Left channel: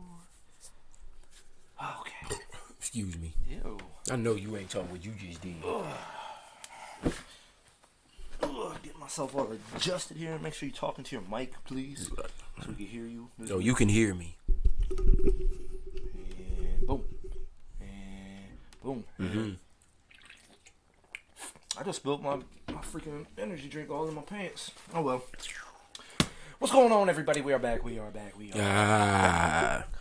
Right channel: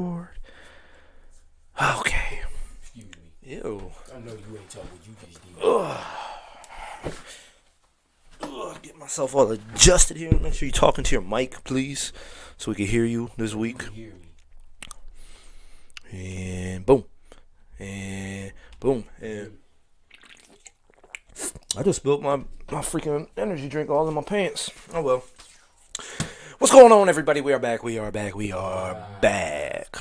record. Okay. Excuse me. Ew. I know you ain't talking what you just did. Get myself all adjusted here. Make sure you're talking to your mic, please, so we can hear you this week. You can hear me. And boom. And boom. And I just spilled my freaking energy drink all in my pants. Oh well. What's going on, everybody? We are back. Back.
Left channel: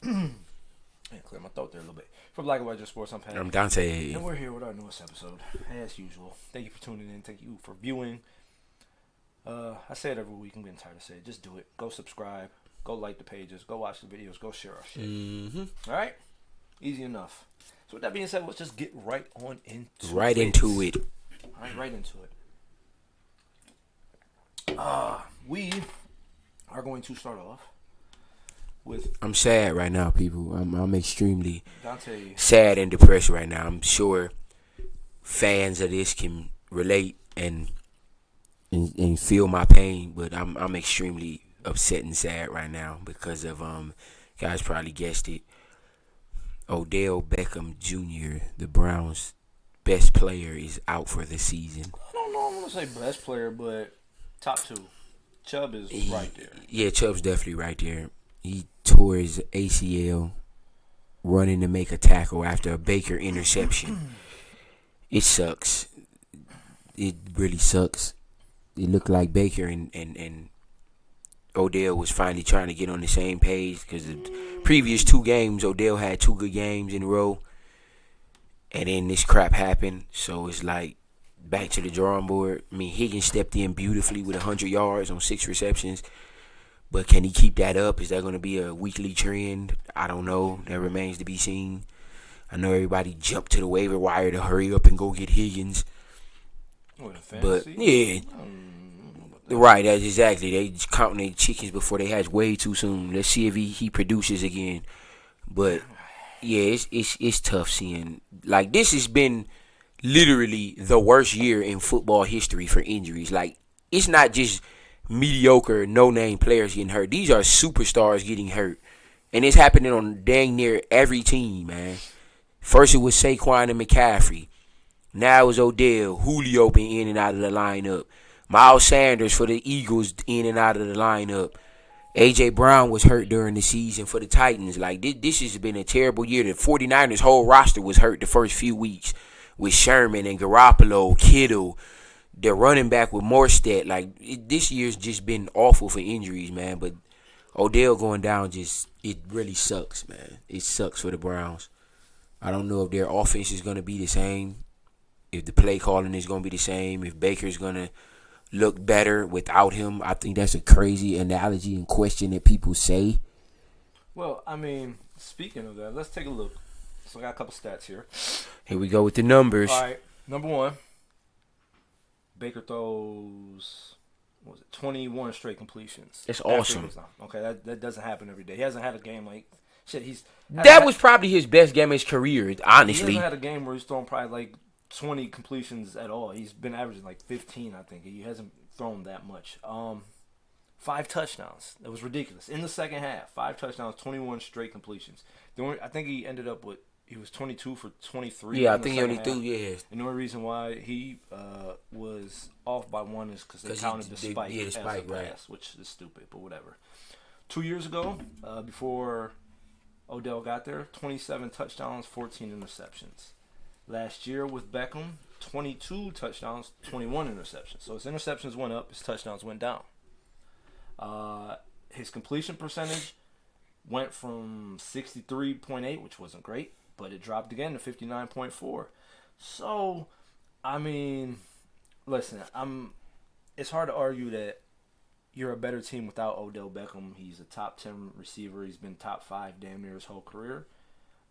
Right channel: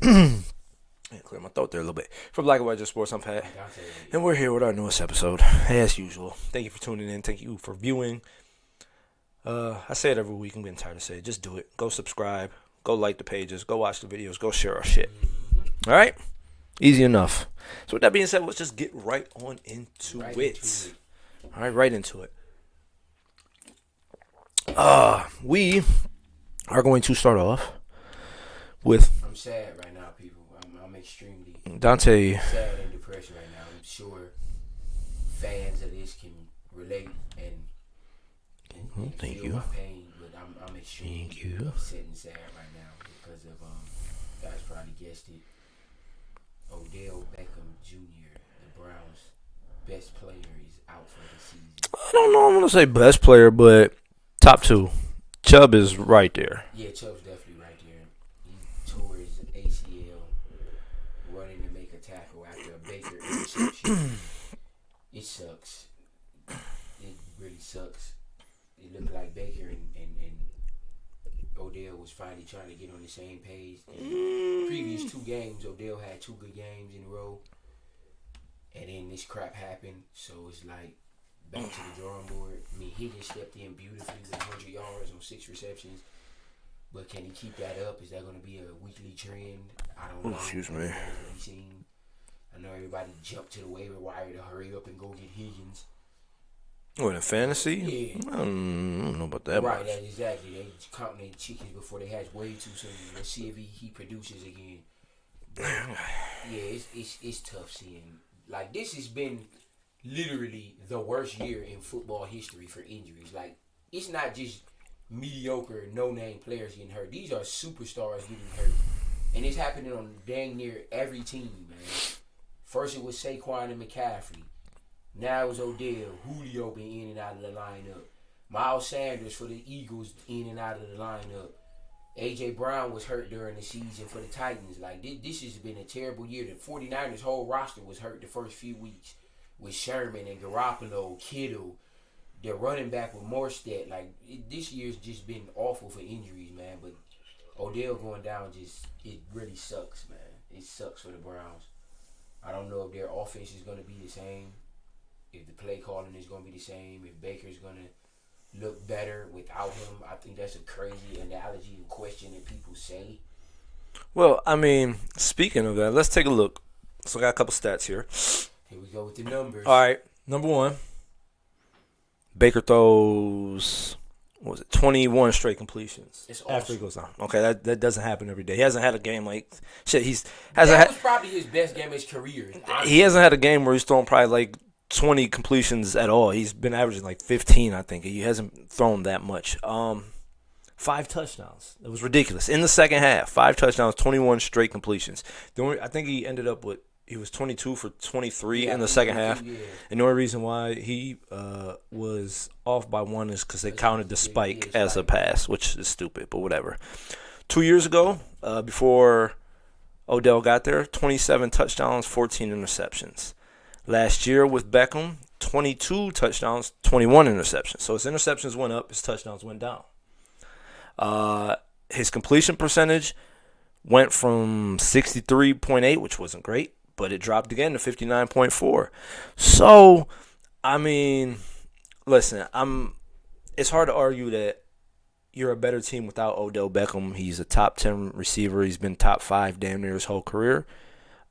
Clear my throat there a little bit. For Black and White Just Sports, I'm Pat. I'm Dante. And we're here with our newest episode, as usual. Thank you for tuning in. Thank you for viewing. I say it every week. I'm getting tired of saying it. Just do it. Go subscribe. Go like the pages. Go watch the videos. Go share our shit. All right? Easy enough. So with that being said, let's just get right into it. All right, right into it. We are going to start off with... I'm sad right now, people. I'm extremely Dante. sad and depressed right now. I'm sure fans of this can relate and feel my pain, but I'm extremely upset and sad right now because of guys probably guessed it. Odell Beckham Jr., the Browns' best player, is out for the season. I don't know. I'm gonna say best player, but top two. Chubb is right there. Yeah, Chubb's definitely right there. He tore his ACL running to make a tackle after a Baker interception. It sucks. It really sucks. It looked like Baker and Odell was finally trying to get on the same page because the previous two games, Odell had two good games in a row. And then this crap happened. So it's like back to the drawing board. I mean, Higgins stepped in beautifully with 100 yards on 6 receptions. But can he keep that up? Is that going to be a weekly trend? I don't know. That remains to be seen. I know everybody jumped to the waiver wire to hurry up and go get Higgins. What, in fantasy? But, yeah. I don't know about that. Right, that's exactly. They counting their chickens before they hatch way too soon. Let's see if he produces again. But, yeah, it's tough seeing. Like, this has been literally the worst year in football history for injuries. Like, it's not just mediocre, no-name players getting hurt. These are superstars getting hurt. And it's happening on dang near every team, man. First it was Saquon and McCaffrey. Now it's Odell. Julio been in and out of the lineup. Miles Sanders for the Eagles in and out of the lineup. A.J. Brown was hurt during the season for the Titans. Like, this has been a terrible year. The 49ers' whole roster was hurt the first few weeks with Sherman and Garoppolo, Kittle. They're running back with Morstead. Like, this year's just been awful for injuries, man. But Odell going down it really sucks, man. It sucks for the Browns. I don't know if their offense is going to be the same, if the play calling is going to be the same, if Baker's going to look better without him. I think that's a crazy analogy and question that people say. Well, I mean, speaking of that, let's take a look. So I got a couple stats here. Here we go with the numbers. All right, number one. Baker throws, 21 straight completions. That's awesome. Okay, that doesn't happen every day. He hasn't had a game like shit. That was probably his best game of his carear, honestly. He hasn't had a game where he's thrown probably like 20 completions at all. He's been averaging like 15, I think. He hasn't thrown that much. 5 touchdowns. It was ridiculous. In the second half, 5 touchdowns, 21 straight completions. I think he ended up with, he was 22 for 23 in the second half. And the only reason why he was off by one is because they counted the spike as a pass, which is stupid, but whatever. 2 years ago, before Odell got there, 27 touchdowns, 14 interceptions. Last year with Beckham, 22 touchdowns, 21 interceptions. So his interceptions went up, his touchdowns went down. His completion percentage went from 63.8, which wasn't great, but it dropped again to 59.4. So, I mean, listen, it's hard to argue that you're a better team without Odell Beckham. He's a top 10 receiver. He's been top 5 damn near his whole career.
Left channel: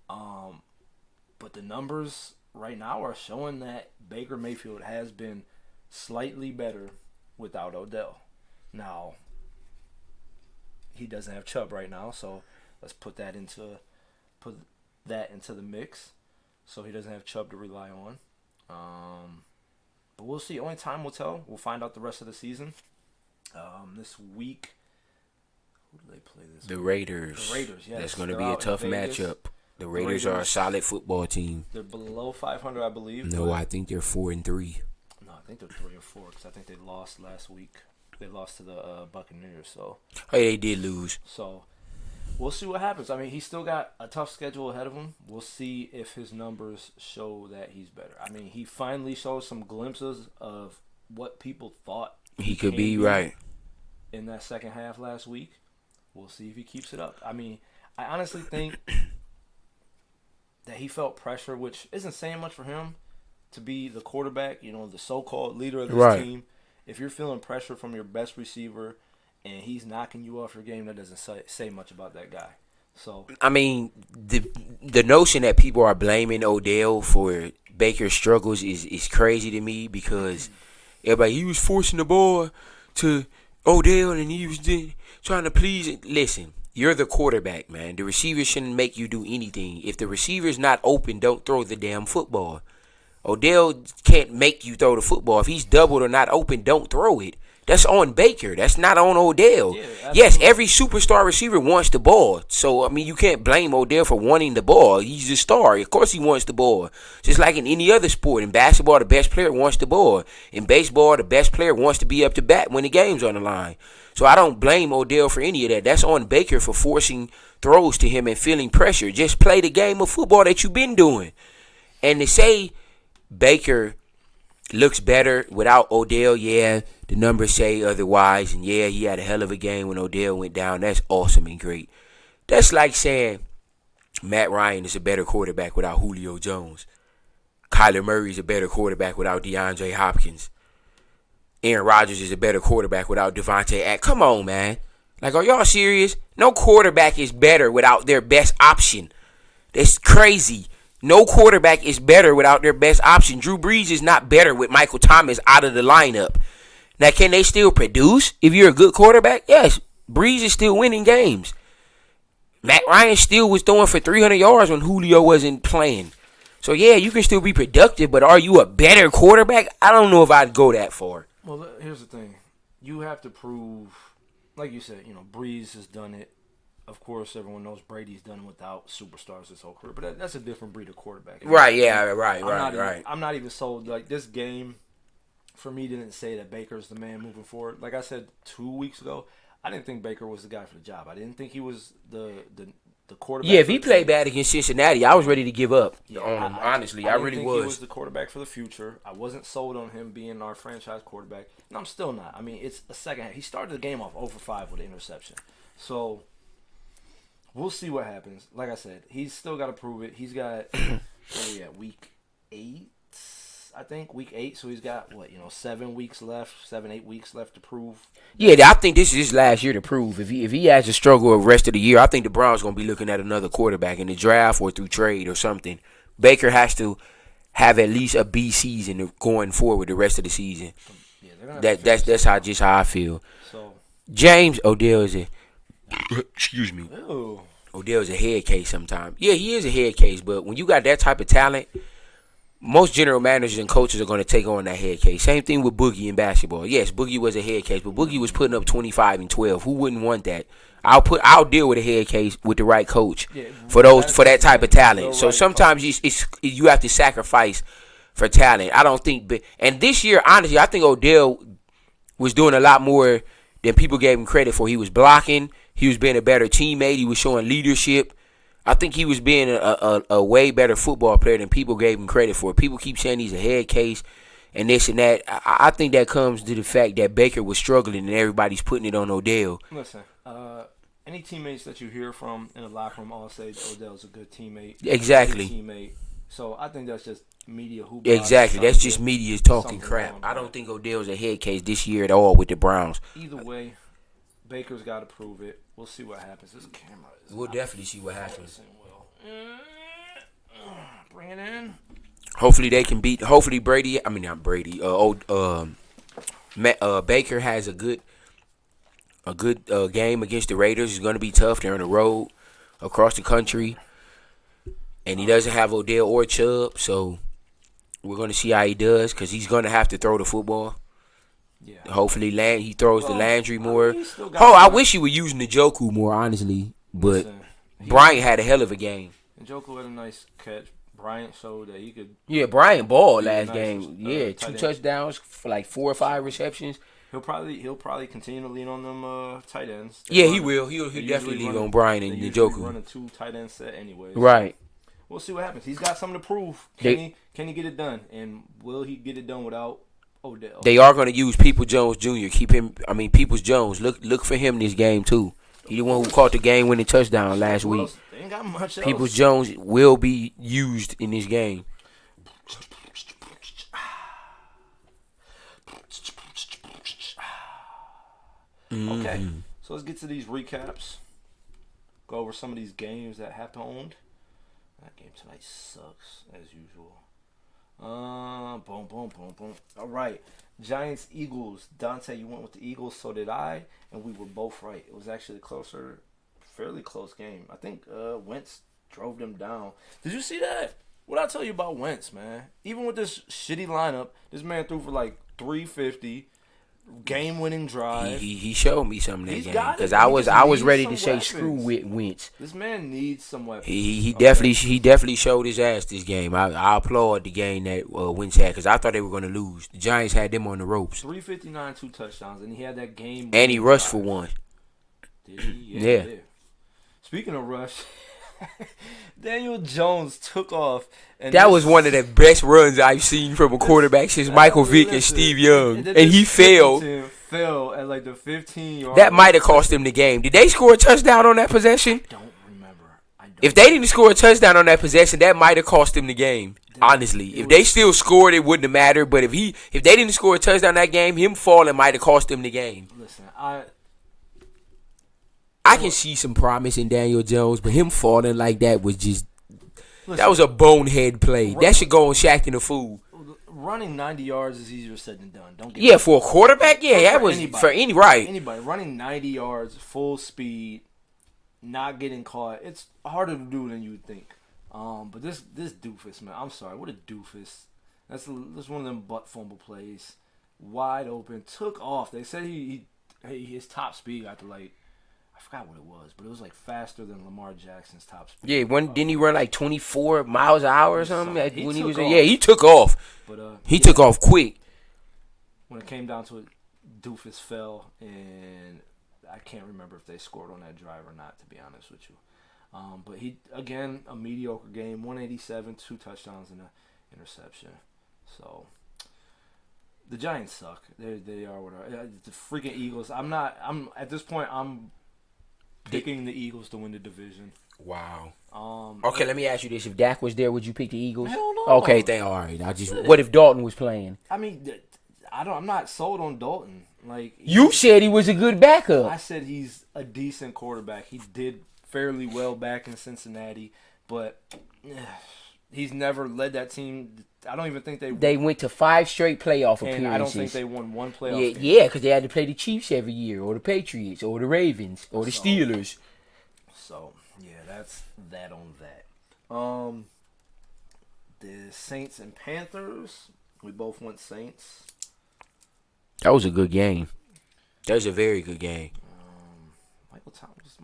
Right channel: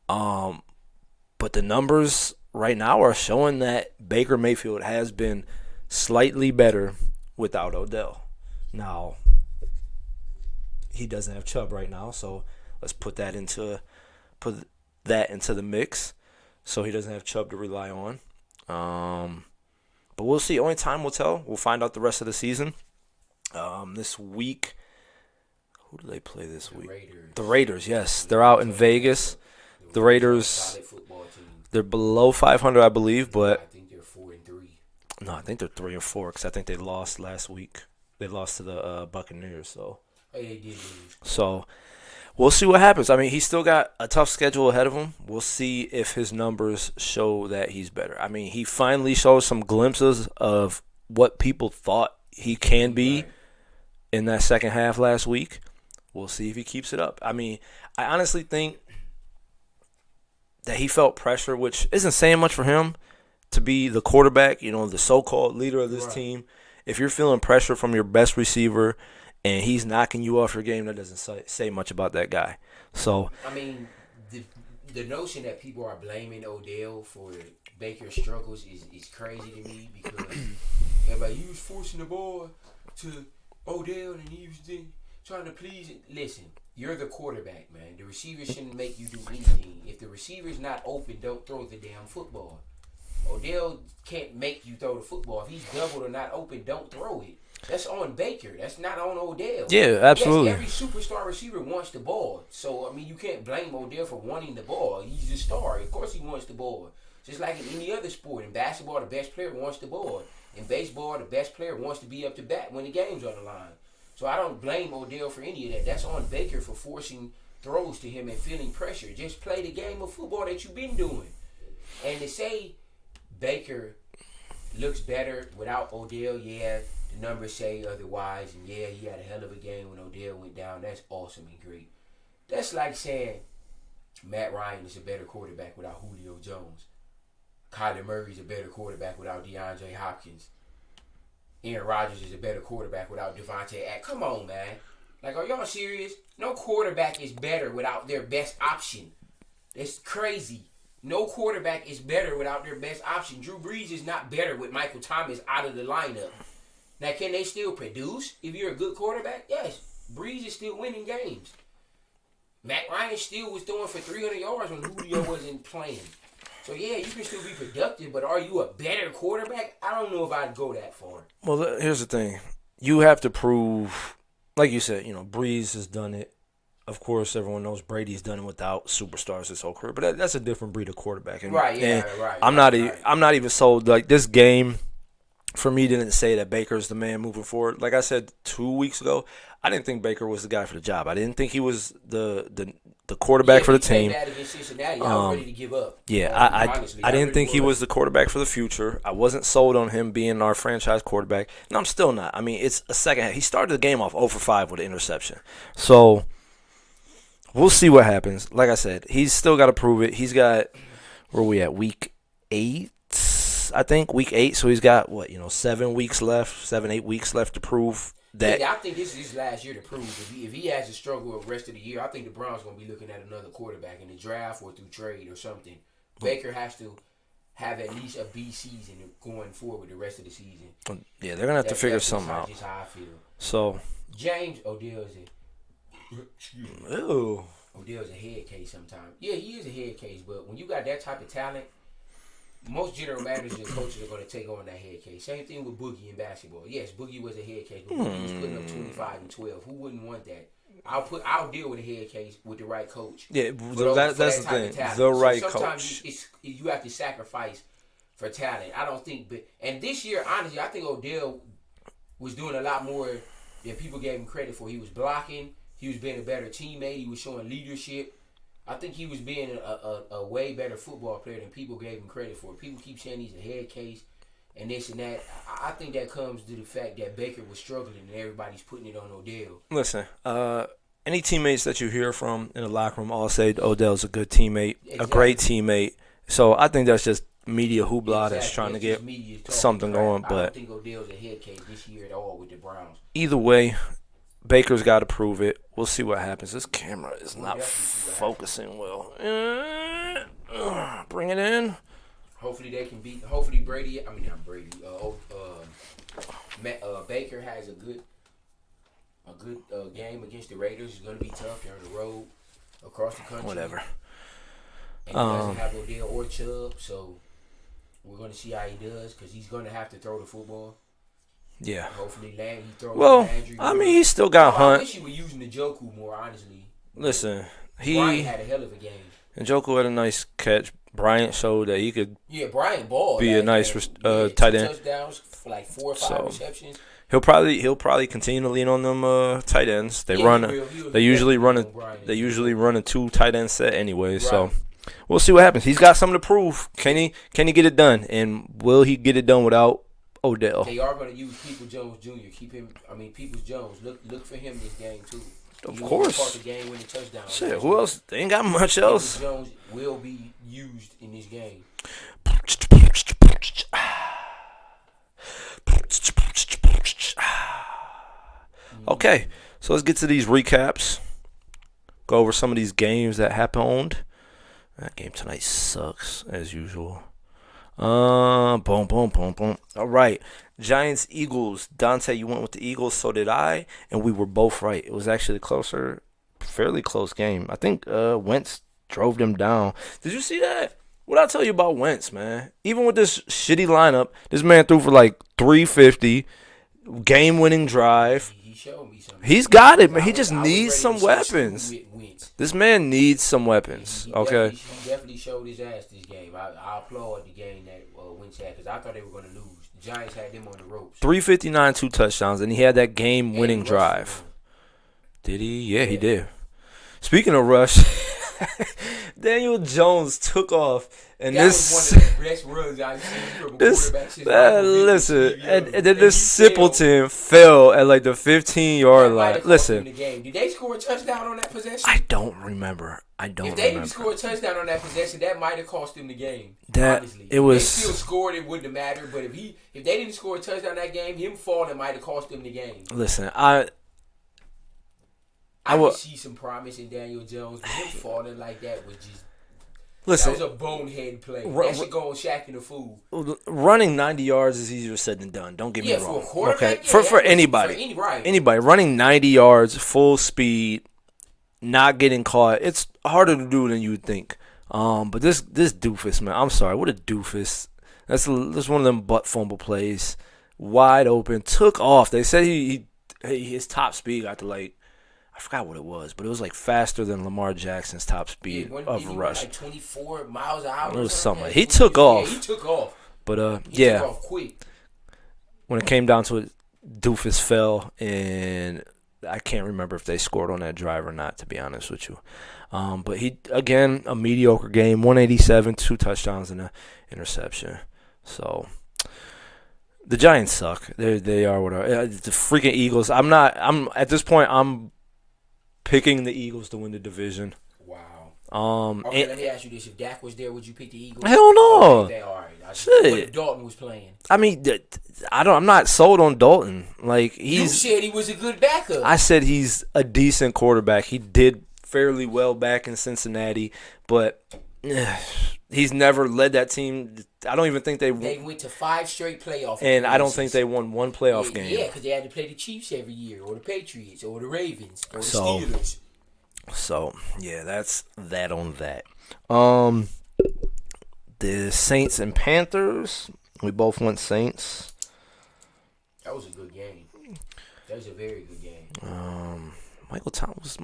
But the numbers right now are showing that Baker Mayfield has been slightly better without Odell. Now, he doesn't have Chubb right now, so let's put that into the mix. So he doesn't have Chubb to rely on. But we'll see. Only time will tell. We'll find out the rest of the season. This week, Who do they play this The week? Raiders. The Raiders, yes. That's gonna They're be a out in tough Vegas. matchup. The The Raiders are a Raiders, solid football team. they're below 500, I believe, No, but I think they're 4-3. no, I think they're 3 or 4 because I think they lost last week. They lost to the Buccaneers, Hey, they did lose. so we'll see what happens. I mean, he's still got a tough schedule ahead of him. We'll see if his numbers show that he's better. I mean, he finally showed some glimpses of what people thought he can be right. in that second half last week. We'll see if he keeps it up. I mean, I honestly think that he felt pressure, which isn't saying much for him to be the quarterback, the so-called leader of this team. If you're feeling pressure from your best receiver and he's knocking you off your game, that doesn't say much about that guy. So I mean, the notion that people are blaming Odell for Baker's struggles is crazy to me because everybody, he was forcing the ball to Odell and he was trying to please. Listen, you're the quarterback, man. The receiver shouldn't make you do anything. If the receiver's not open, don't throw the damn football. Odell can't make you throw the football. If he's doubled or not open, don't throw it. That's on Baker. That's not on Odell. yeah, absolutely. Yes, every superstar receiver wants the ball. So, I mean, you can't blame Odell for wanting the ball. He's a star. Of course he wants the ball. Just like in any other sport. In basketball, the best player wants the ball. In baseball, the best player wants to be up to bat when the game's on the line. So I don't blame Odell for any of that. That's on Baker for forcing throws to him and feeling pressure. Just play the game of football that you've been doing. And to say Baker looks better without Odell, yeah, the numbers say otherwise. And yeah, he had a hell of a game when Odell went down. That's awesome and great. That's like saying Matt Ryan is a better quarterback without Julio Jones. Kyler Murray is a better quarterback without DeAndre Hopkins. Aaron Rodgers is a better quarterback without Devontae Adams. Come on, man. Like, are y'all serious? No quarterback is better without their best option. That's crazy. No quarterback is better without their best option. Drew Brees is not better with Michael Thomas out of the lineup. Now, can they still produce if you're a good quarterback? Yes. Brees is still winning games. Matt Ryan still was throwing for 300 yards when Julio wasn't playing. So, yeah, you can still be productive, but are you a better quarterback? I don't know if I'd go that far. Well, here's the thing. You have to prove, like you said, Breeze has done it. Of course, everyone knows Brady's done it without superstars his whole career, but that's a different breed of quarterback. Right, yeah, right. I'm not even sold. Like, this game, for me, didn't say that Baker's the man moving forward. Like I said 2 weeks ago, I didn't think Baker was the guy for the job. I didn't think he was the quarterback for the team. Yeah, if he played bad against Cincinnati, I was ready to give up. Yeah, honestly, I didn't really think he was the quarterback for the future. I wasn't sold on him being our franchise quarterback, and I'm still not. I mean, it's a second half. He started the game off 0 for 5 with an interception. So we'll see what happens. Like I said, he's still got to prove it. He's got, where are we at, week 8, I think, week 8. So he's got, 7 weeks left, 7, 8 weeks left to prove. Yeah, I think this is his last year to prove. If he has to struggle the rest of the year, I think the Browns going to be looking at another quarterback in the draft or through trade or something. Baker has to have at least a B season going forward the rest of the season. Yeah, they're going to have to figure that's something out. just how I feel. So James Odell is excuse me. Ew. Odell is a head case sometimes. Yeah, he is a head case, but when you got that type of talent, most general managers and coaches are going to take on that head case. Same thing with Boogie in basketball. Yes, Boogie was a head case, but Boogie was putting up 25 and 12. Who wouldn't want that? I'll deal with a head case with the right coach for that type of talent. So sometimes you have to sacrifice for talent. I don't think, and this year, honestly, I think Odell was doing a lot more than people gave him credit for. He was blocking. He was being a better teammate. He was showing leadership. I think he was being a way better football player than people gave him credit for. People keep saying he's a head case and this and that. I think that comes to the fact that Baker was struggling and everybody's putting it on Odell. Listen, any teammates that you hear from in the locker room all say Odell's a good teammate, exactly. A great teammate. So I think that's just media hoopla. Exactly, that's just media talking something crap. on. I don't think Odell's a head case this year at all with the Browns. Either way, Baker's got to prove it. We'll see what happens. This camera is We'll not definitely see what focusing well. Bring it in. Hopefully they can beat. Hopefully Brady. I mean not Brady. Baker has a good game against the Raiders. It's going to be tough. They're on the road across the country, and he doesn't have Odell or Chubb. So we're going to see how he does because he's going to have to throw the football. Yeah. Hopefully, he throws to Landry more. I mean, he still got. I wish he would use Njoku more, honestly. But Listen, Bryant had a hell of a game. Njoku had a nice catch. Bryant showed that he could. Yeah, Bryant balled be last a nice game. tight 2 end. touchdowns for like 4 or 5 receptions. He'll probably continue to lean on them tight ends. He will. They usually run on Bryant. They usually run a 2 tight end set anyways. Right. So we'll see what happens. He's got something to prove. Can he get it done? And will he get it done without Odell? They are going to use Peoples Jones Jr. Peoples Jones. Look for him this game too. He one who caught the game-winning touchdown last week. They ain't got much else. Peoples Jones will be used in this game. Okay, so let's get to these recaps. Go over some of these games that happened. That game tonight sucks, as usual. Boom, boom, boom, boom. All right. Giants, Eagles. Dante, you went with the Eagles, so did I, and we were both right. It was actually a fairly close game. I think Wentz drove them down. Did you see that? What I tell you about Wentz, man? Even with this shitty lineup, this man threw for like 350, game-winning drive. He showed me something. He's got it, but I was ready some to weapons. say screw with Wentz. This man needs some weapons. He definitely showed his ass this game. I applaud the game that Wentz had because I thought they were going to lose. The Giants had them on the ropes. 359, 2 touchdowns, and he had that game-winning and he rushed drive. for one. Did he? Yeah, he did. Speaking of rush, Daniel Jones took off. And that was one of the best runs I've seen from a quarterback since Michael Vick and Steve Young. And he fell at like the 15-yard line. That might have cost him the game. Did they score a touchdown on that possession? I don't remember. If they didn't score a touchdown on that possession, that might have cost them the game. Honestly, if they still scored, it wouldn't have mattered. But if they didn't score a touchdown that game, him falling might have cost them the game. Listen, I can see some promise in Daniel Jones, but him falling like that was just. Listen, that was a bonehead play. That should go on Shaq and the Fool. Running 90 yards is easier said than done. Don't get me wrong. For a quarterback, okay. For anybody. Anybody running 90 yards, full speed, not getting caught. It's harder to do than you would think. But this doofus, man, I'm sorry. What a doofus. That's one of them butt fumble plays. Wide open, took off. They said his top speed got to like. I forgot what it was, but it was like faster than Lamar Jackson's top speed. Yeah, didn't he run like 24 miles an hour or something? He took off. Yeah, he took off. But he took off quick. When it came down to it, doofus fell, and I can't remember if they scored on that drive or not, to be honest with you. But he, again, a mediocre game, 187, 2 touchdowns and an interception. So the Giants suck. They are what are. The freaking Eagles. I'm at this point, I'm picking the Eagles to win the division. Wow. Okay, let me ask you this: if Dak was there, would you pick the Eagles? Hell no. Okay, all right. What if Dalton was playing? I mean, I'm not sold on Dalton. Like you said, he was a good backup. I said he's a decent quarterback. He did fairly well back in Cincinnati, but he's never led that team. I don't even think they went to 5 straight playoff appearances. And I don't think they won one playoff game. Yeah, because they had to play the Chiefs every year, or the Patriots, or the Ravens, or the Steelers. So, yeah, that's that on that. The Saints and Panthers, we both went Saints. That was a good game. That was a very good game. Michael Thomas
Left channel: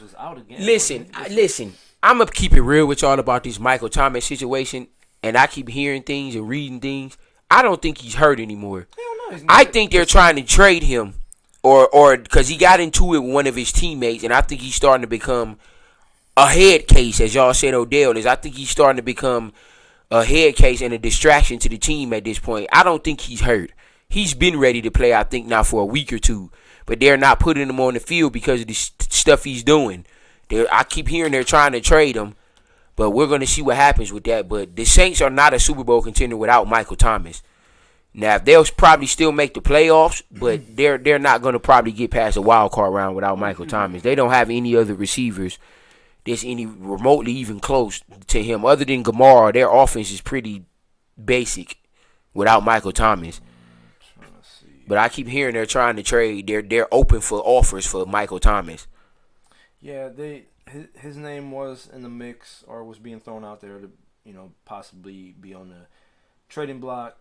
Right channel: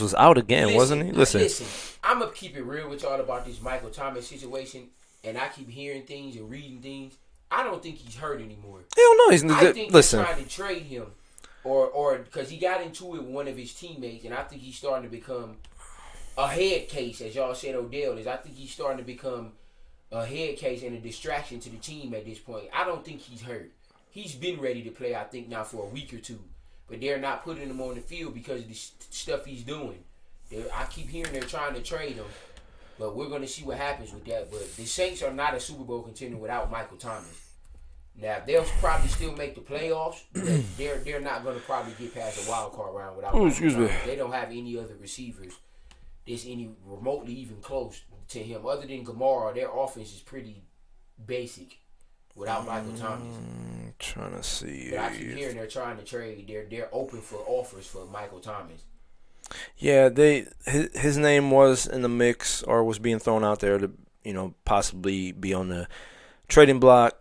was out again, wasn't he? Listen, I'm going to keep it real with y'all about this Michael Thomas situation, and I keep hearing things and reading things. I don't think he's hurt anymore. Hell no, he's not. I think they're trying to trade him, or because he got into it with one of his teammates, and I think he's starting to become a head case, as y'all said Odell is. I think he's starting to become a head case and a distraction to the team at this point. I don't think he's hurt. He's been ready to play, I think, now for a week or two. But they're not putting him on the field because of the stuff he's doing. I keep hearing they're trying to trade him, but we're going to see what happens with that. But the Saints are not a Super Bowl contender without Michael Thomas. Now, they'll probably still make the playoffs, but they're not going to probably get past the wild card round without Michael Thomas. They don't have any other receivers that's any remotely even close to him. Other than Gamara, their offense is pretty basic without Michael Thomas. Trying to see, but I keep hearing they're trying to trade. They're open for offers for Michael Thomas. Yeah, his name was in the mix or was being thrown out there to possibly be on the trading block.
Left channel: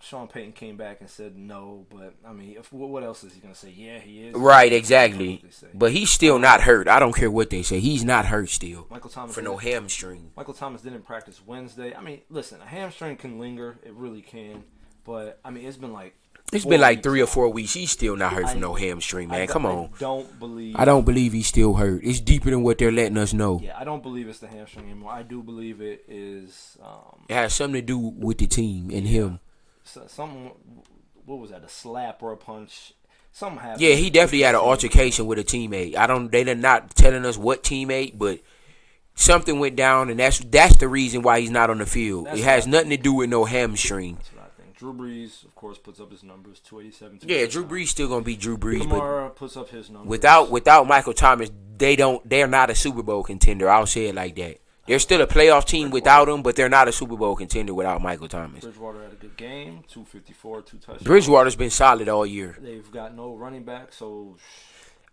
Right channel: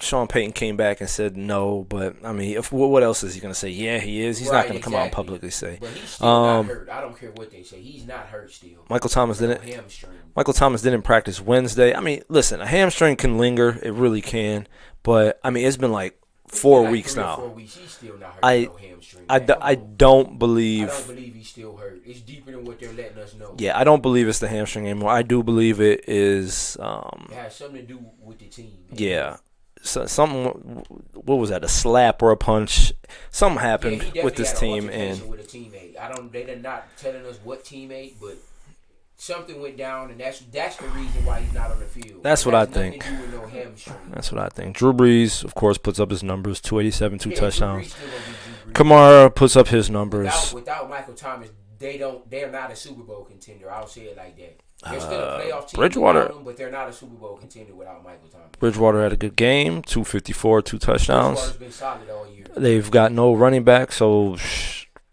Sean Payton came back and said no, but I mean, what else is he gonna say? Yeah, he is. He's Right, not gonna come out and exactly. publicly say. But he's still not hurt. I don't care what they say. He's not hurt still. Michael Thomas For no didn't. hamstring. Michael Thomas didn't practice Wednesday. I mean, listen, a hamstring can linger. It really can. But I mean, it's been like It's 4 been like weeks 3 now. or 4 weeks. He's still not hurt for no hamstring, man. Come I on. don't believe. I don't believe he's still hurt. It's deeper than what they're letting us know. Yeah, I don't believe it's the hamstring anymore. I do believe it is. It has something to do with the team. And Yeah. him. So, something. What was that? A slap or a punch? Something happened. Yeah, he definitely with had this an team, altercation and with a teammate. They're not telling us what teammate, but something went down, and that's the reason why he's not on the field. That's it what has I nothing think. to do with no hamstring. That's what I think. Drew Brees, of course, puts up his numbers: 287, 2 touchdowns. Drew Brees still gonna be Drew Brees. Kamara puts up his numbers. Without Michael Thomas, they're not a Super Bowl contender. I'll say it like that. They're still a playoff team without him, but they're not a Super Bowl contender without Michael Thomas. Bridgewater had a good game: 254, 2 touchdowns. Bridgewater's been solid all year. They've got no running back, so.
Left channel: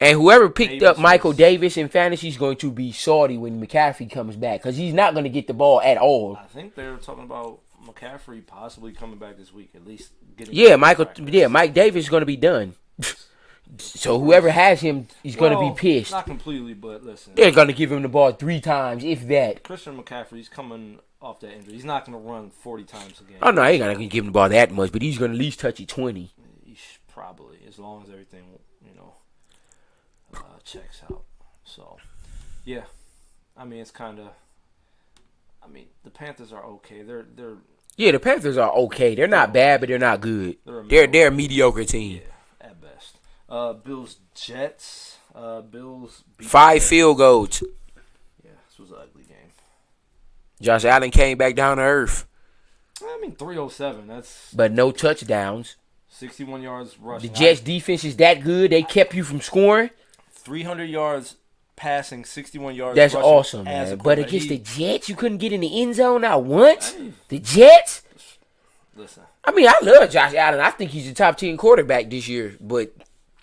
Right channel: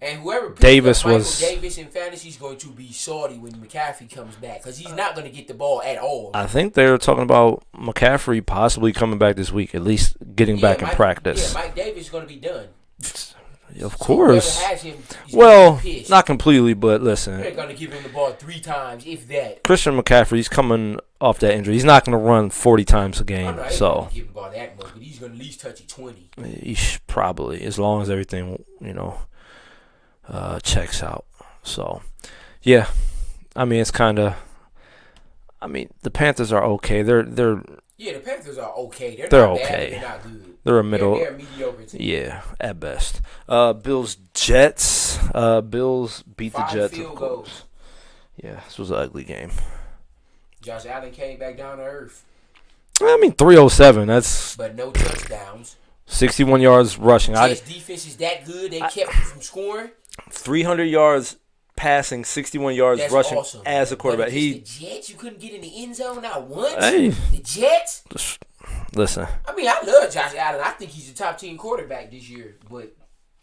And whoever picked Davis up Michael was- Davis in fantasy is going to be salty when McCaffrey comes back because he's not going to get the ball at all. I think they're talking about McCaffrey possibly coming back this week, at least getting back in practice. Yeah, Mike Davis is going to be done. Of So course. whoever has him is going to be pissed. Not completely, but listen. They're going to give him the ball 3 times, if that. Christian McCaffrey's coming off that injury. He's not going to run 40 times a game. Oh, no, he's not so going to give him the ball that much, but he's going to at least touch it 20. he probably, as long as everything, checks out. So, yeah. I mean, it's kind of. I mean, the Panthers are okay. They're Yeah, the Panthers are okay. They're They're not bad, okay. but they're not good. They're a mediocre team. Yeah, at best. Bills Jets. Bills beat the 5 Jets. field goals. Yeah, this was an ugly game. Josh Allen came back down to earth, I mean, 307. That's but no touchdowns. 61 yards rushing. Jets defense is that good. They kept you from scoring. 300 yards passing, 61 yards That's rushing awesome. as Man. a But quarterback. against the Jets, you couldn't get in the end zone not once. Hey. The Jets. Listen, I mean, I love Josh Allen. I think he's a top 10 quarterback this year. But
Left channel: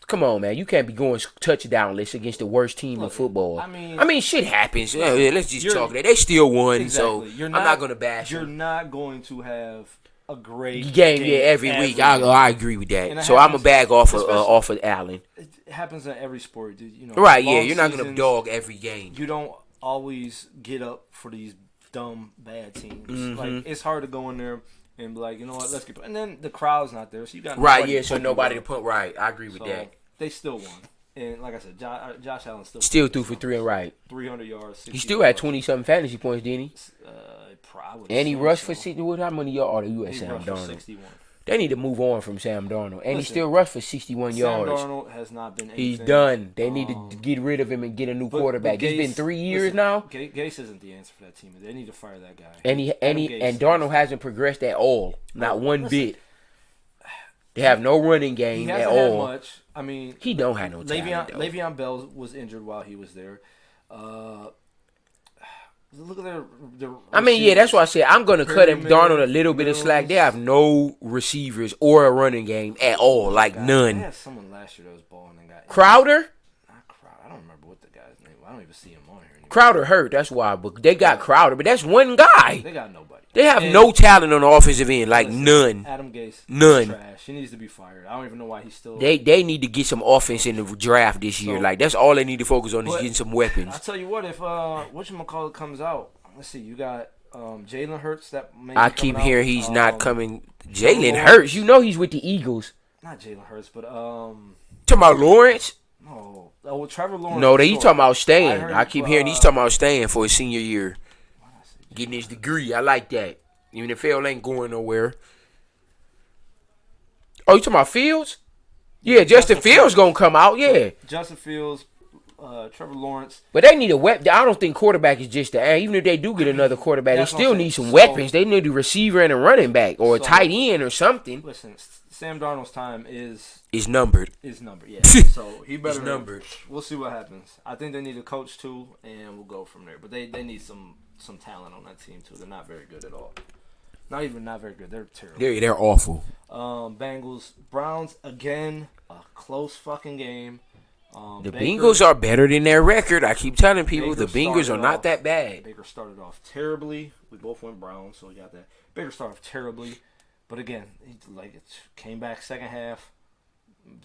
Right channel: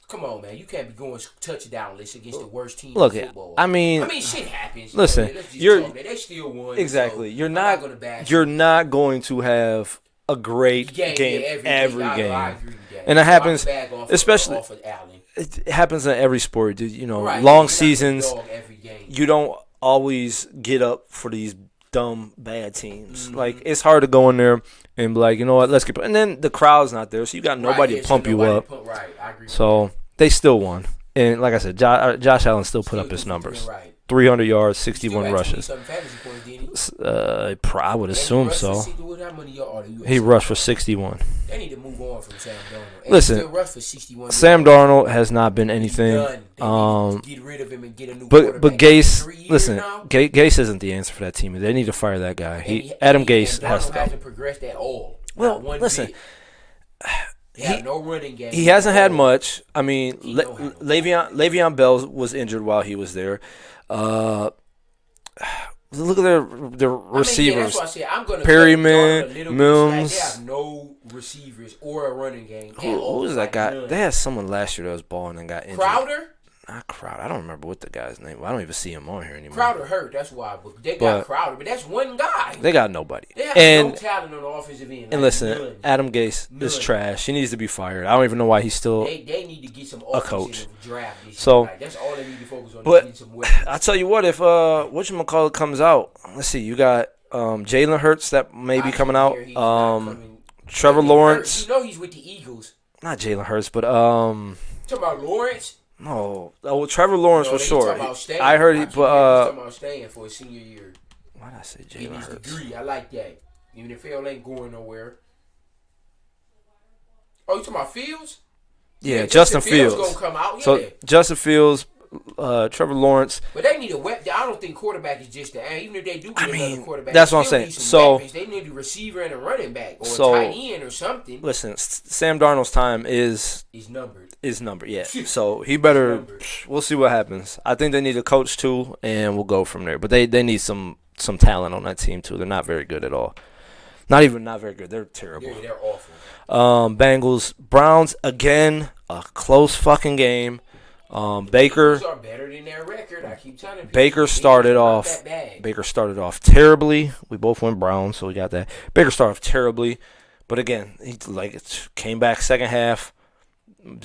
come on, man, you can't be going touchdownless against the worst team in football. I mean, shit happens. Listen, Let's just talk that. They still won. exactly. So I'm not going to bash. You're not going to have a great game every week. I agree with that. And it so I'm happens, a bag off especially- off of Allen. It happens in every sport, dude. Right? Long you're seasons. not gonna dog every game. You don't always get up for these dumb bad teams. Mm-hmm. Like, it's hard to go in there and be like, you know what, let's get. And then the crowd's not there, so you got nobody to pump you up. Right, I agree with So that. they still won. And like I said, Josh Allen still put up threw his for numbers. 3 right. 300 yards, He still 61 had rushing. 20-something fantasy points, didn't he? I would And he assume rushed so. for 60. How many yards? He rushed for 61. They need to move on from Sam Darnold. And Listen, he still rushed for 61 yards. Sam Darnold has not been anything. He's done. They need to get rid of him and get a new But quarterback. Gase, It's been 3 years listen, now. Gase isn't the answer for that team. They need to fire that guy. And Adam Gase. And Darnold has to- hasn't progressed at all. Well, Not one listen, bit. They have no running game. He hasn't at had all. much. I mean, He don't have no Le'Veon Bell was injured while he was there. Look at their receivers. I mean, yeah, that's why I said I'm going to cut Perryman, Darnold a little bit of slack. Mills. They have no receivers or a running game at all. Like none. They had someone last year that was balling and got injured. Crowder? Not Crowder. I don't remember what the guy's name. I don't even see him on here anymore. Crowder hurt. That's why. But they got But- Crowder. But that's one guy. They got nobody. They have And no talent on the offensive end. Like listen, none. Adam Gase None. is trash. He needs to be fired. I don't even know why he's still. They need to get some offense in the draft this year. So- Like that's all they need to focus on is But- getting some weapons. I'll tell you what. If whatchamacallit comes out, let's see. You got Jalen Hurts that may be I coming keep out. hearing he's not coming. Trevor Jalen Lawrence. Hurts. You know he's with the Eagles. Not Jalen Hurts, but Talking about Lawrence? no. Oh, Trevor Lawrence. No, for he's sure. talking about staying. I heard. I keep hearing he's talking about staying for his senior year. Why did I say Jalen Getting his Hurts? degree. I like that. Even if Phil ain't going nowhere. Oh, you talking about Fields? Yeah, Justin Fields gonna come out. Yeah, So, Justin Fields, Trevor Lawrence. but they need a weapon. I don't think quarterback is just the. Even if they do get another quarterback, they that's what I'm still saying. need some So- weapons. They need a receiver and a running back or a So- tight end or something. Listen, Sam Darnold's time is Numbered. numbered. Yeah, so he better. numbered. We'll see what happens. I think they need a coach too, and we'll go from there. But they need some talent on that team too. They're not very good at all. Not very good. They're terrible. They're awful. Bengals, Browns again, a close fucking game. The Baker Bengals are better than their record. I keep telling people Baker the Bengals started are off not that bad. Baker started off terribly. We both went Browns, so we got that. Baker started off terribly, But again, he came back second half,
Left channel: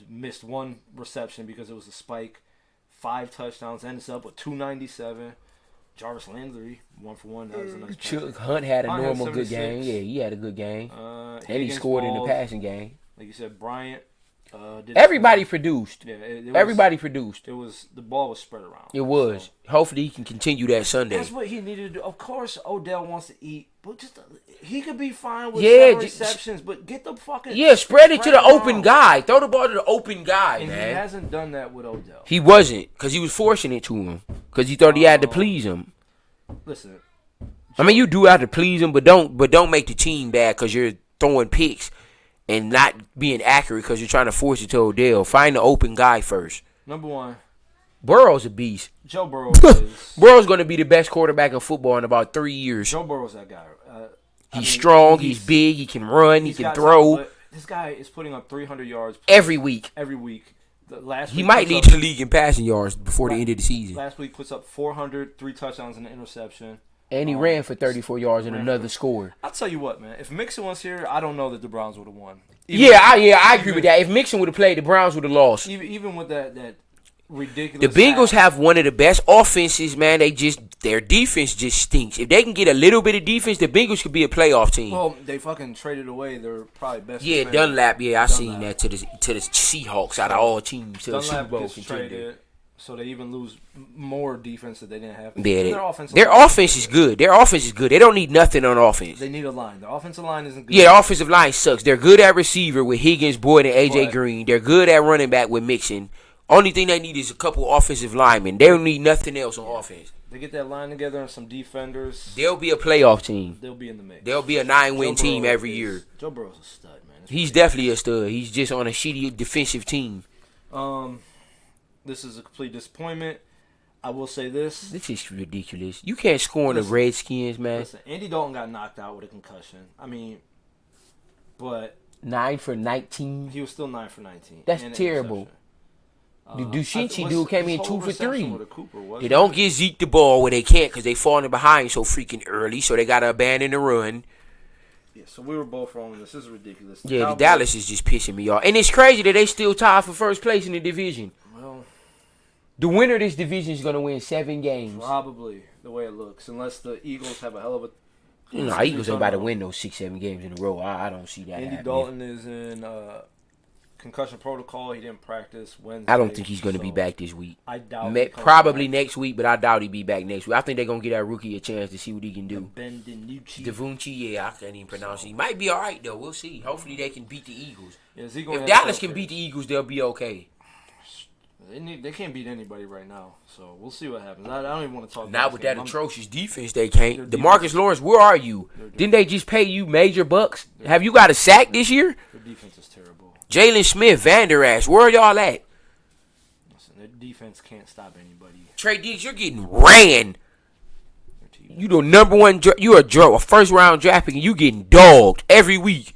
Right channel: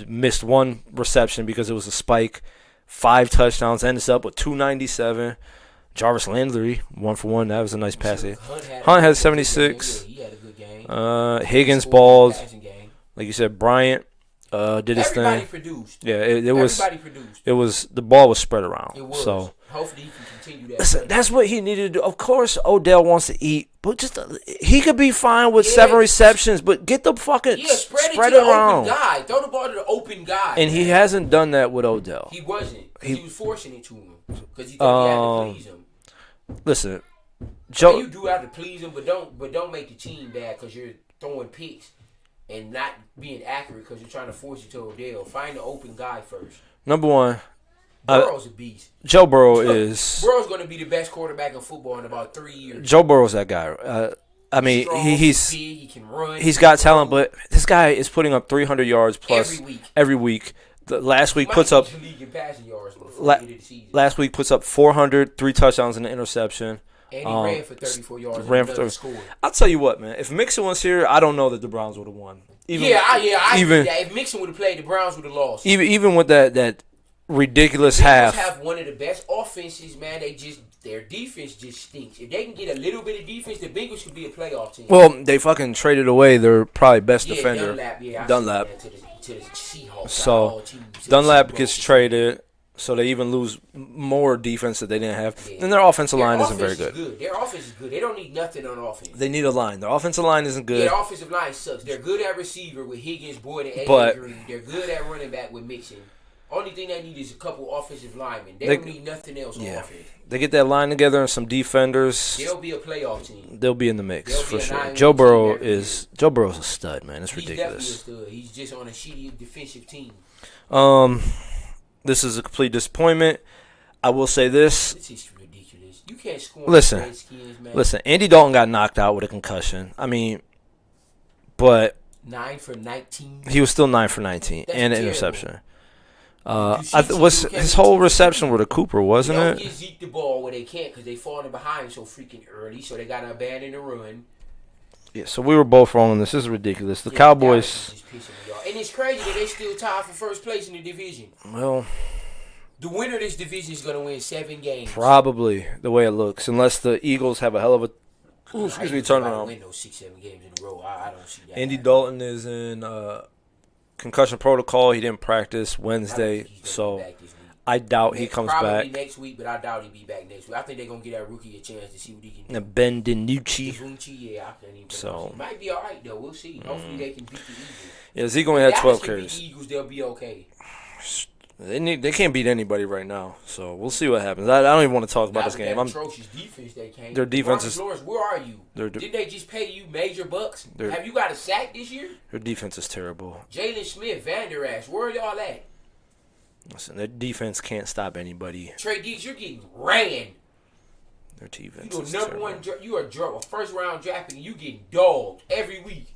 missed one reception because it was a spike. 5 touchdowns, ends up with 297. Jarvis Landry, 1 for 1. That was a nice pass. Hunt had 76. Yeah, he had a good game. Higgins balled. Passing game. Like you said, Bryant did his Everybody thing. produced. Yeah, everybody produced. It was the ball was spread around. It was. So. Hopefully he can continue that Sunday. That's what he needed to do. Of course, Odell wants to eat, but just he could be fine with 7 receptions. But get the fucking spread it to the around. open guy. Throw the ball to the open guy. And he hasn't done that with Odell. He wasn't because he was forcing it to him because he thought he had to please him. Listen, I mean, you do have to please him, but don't make the team bad because you're throwing picks and not being accurate because you're trying to force it to Odell. Find the open guy first. Number one, Burrow's a beast. Joe Burrow is. Burrow's going to be the best quarterback in football in about 3 years. Joe Burrow's that guy. He's strong. He's big. He can run. He's got talent, but this guy is putting up 300 yards plus every week. Last week he might puts lead up the league in passing yards before the end of the season. Last week puts up 400, 3 touchdowns and an interception. And he ran for 34 yards and another scored. I'll tell you what, man. If Mixon was here, I don't know that the Browns would have won. I agree with that. If Mixon would have played, the Browns would have lost. Even with that ridiculous The Bengals half. have one of the best offenses, man. Their defense just stinks. If they can get a little bit of defense, the Bengals could be a playoff team. Well, they fucking traded away their probably best defender. Dunlap. Yeah, I seen that to the Seahawks out of all teams. Dunlap gets traded, so they even lose more defense that they didn't have. Yeah. And their offensive line is good. Their offense is good. They don't need nothing on offense. They need a line. Their offensive line isn't good. Yeah, their offensive line sucks. They're good at receiver with Higgins, Boyd, and AJ Green. They're good at running back with Mixon. Only thing they need is a couple offensive linemen. They don't need nothing else on offense. They get that line together and some defenders. They'll be a playoff team. They'll be in the mix. They'll be a 9-win team every year. Joe Burrow's a stud, man. He's definitely a stud. He's just on a shitty defensive team. This is a complete disappointment. I will say this. This is ridiculous. You can't score on the Redskins, man. Listen, Andy Dalton got knocked out with a concussion. I mean, but 9 for 19. He was still 9 for 19 That's and an terrible. interception. His whole reception with a Cooper, wasn't it? They don't get Zeke the ball where they can't because they falling behind so freaking early, so they got to abandon the run. Yeah, so we were both wrong on this. This is ridiculous. The Cowboys. Dallas is just pissing me off. And it's crazy that they still tied for first place in the division. Well, the winner of this division is going to win 7 games. Probably, the way it looks. Unless the Eagles have a hell of a... Eagles are about to win those 6-7 games in a row. I don't see that Andy happening. Dalton is in concussion protocol. He didn't practice Wednesday. I don't think he's going to be back this week. I doubt he comes probably back. Next week, but I doubt he'll be back next week. I think they're going to give that rookie a chance to see what he can do. Ben DiNucci. I can't even pronounce it. He might be all right, though. We'll see. Hopefully they can beat the Eagles. Yeah, Zeke only if had Dallas 12 can carries. beat the Eagles, they'll be okay. They can't beat anybody right now, so we'll see what happens. I don't even want to talk about this game. Not with that atrocious defense they can't. DeMarcus Lawrence, where are you? Didn't they just pay you major bucks? Have you got a sack this year? Their defense is terrible. Jalen Smith, Van Der Esch, where are y'all at? Listen, their defense can't stop anybody. Trey Diggs, you're getting ran. Their defense You the number one. You're a first round draft pick, and you getting dogged every week.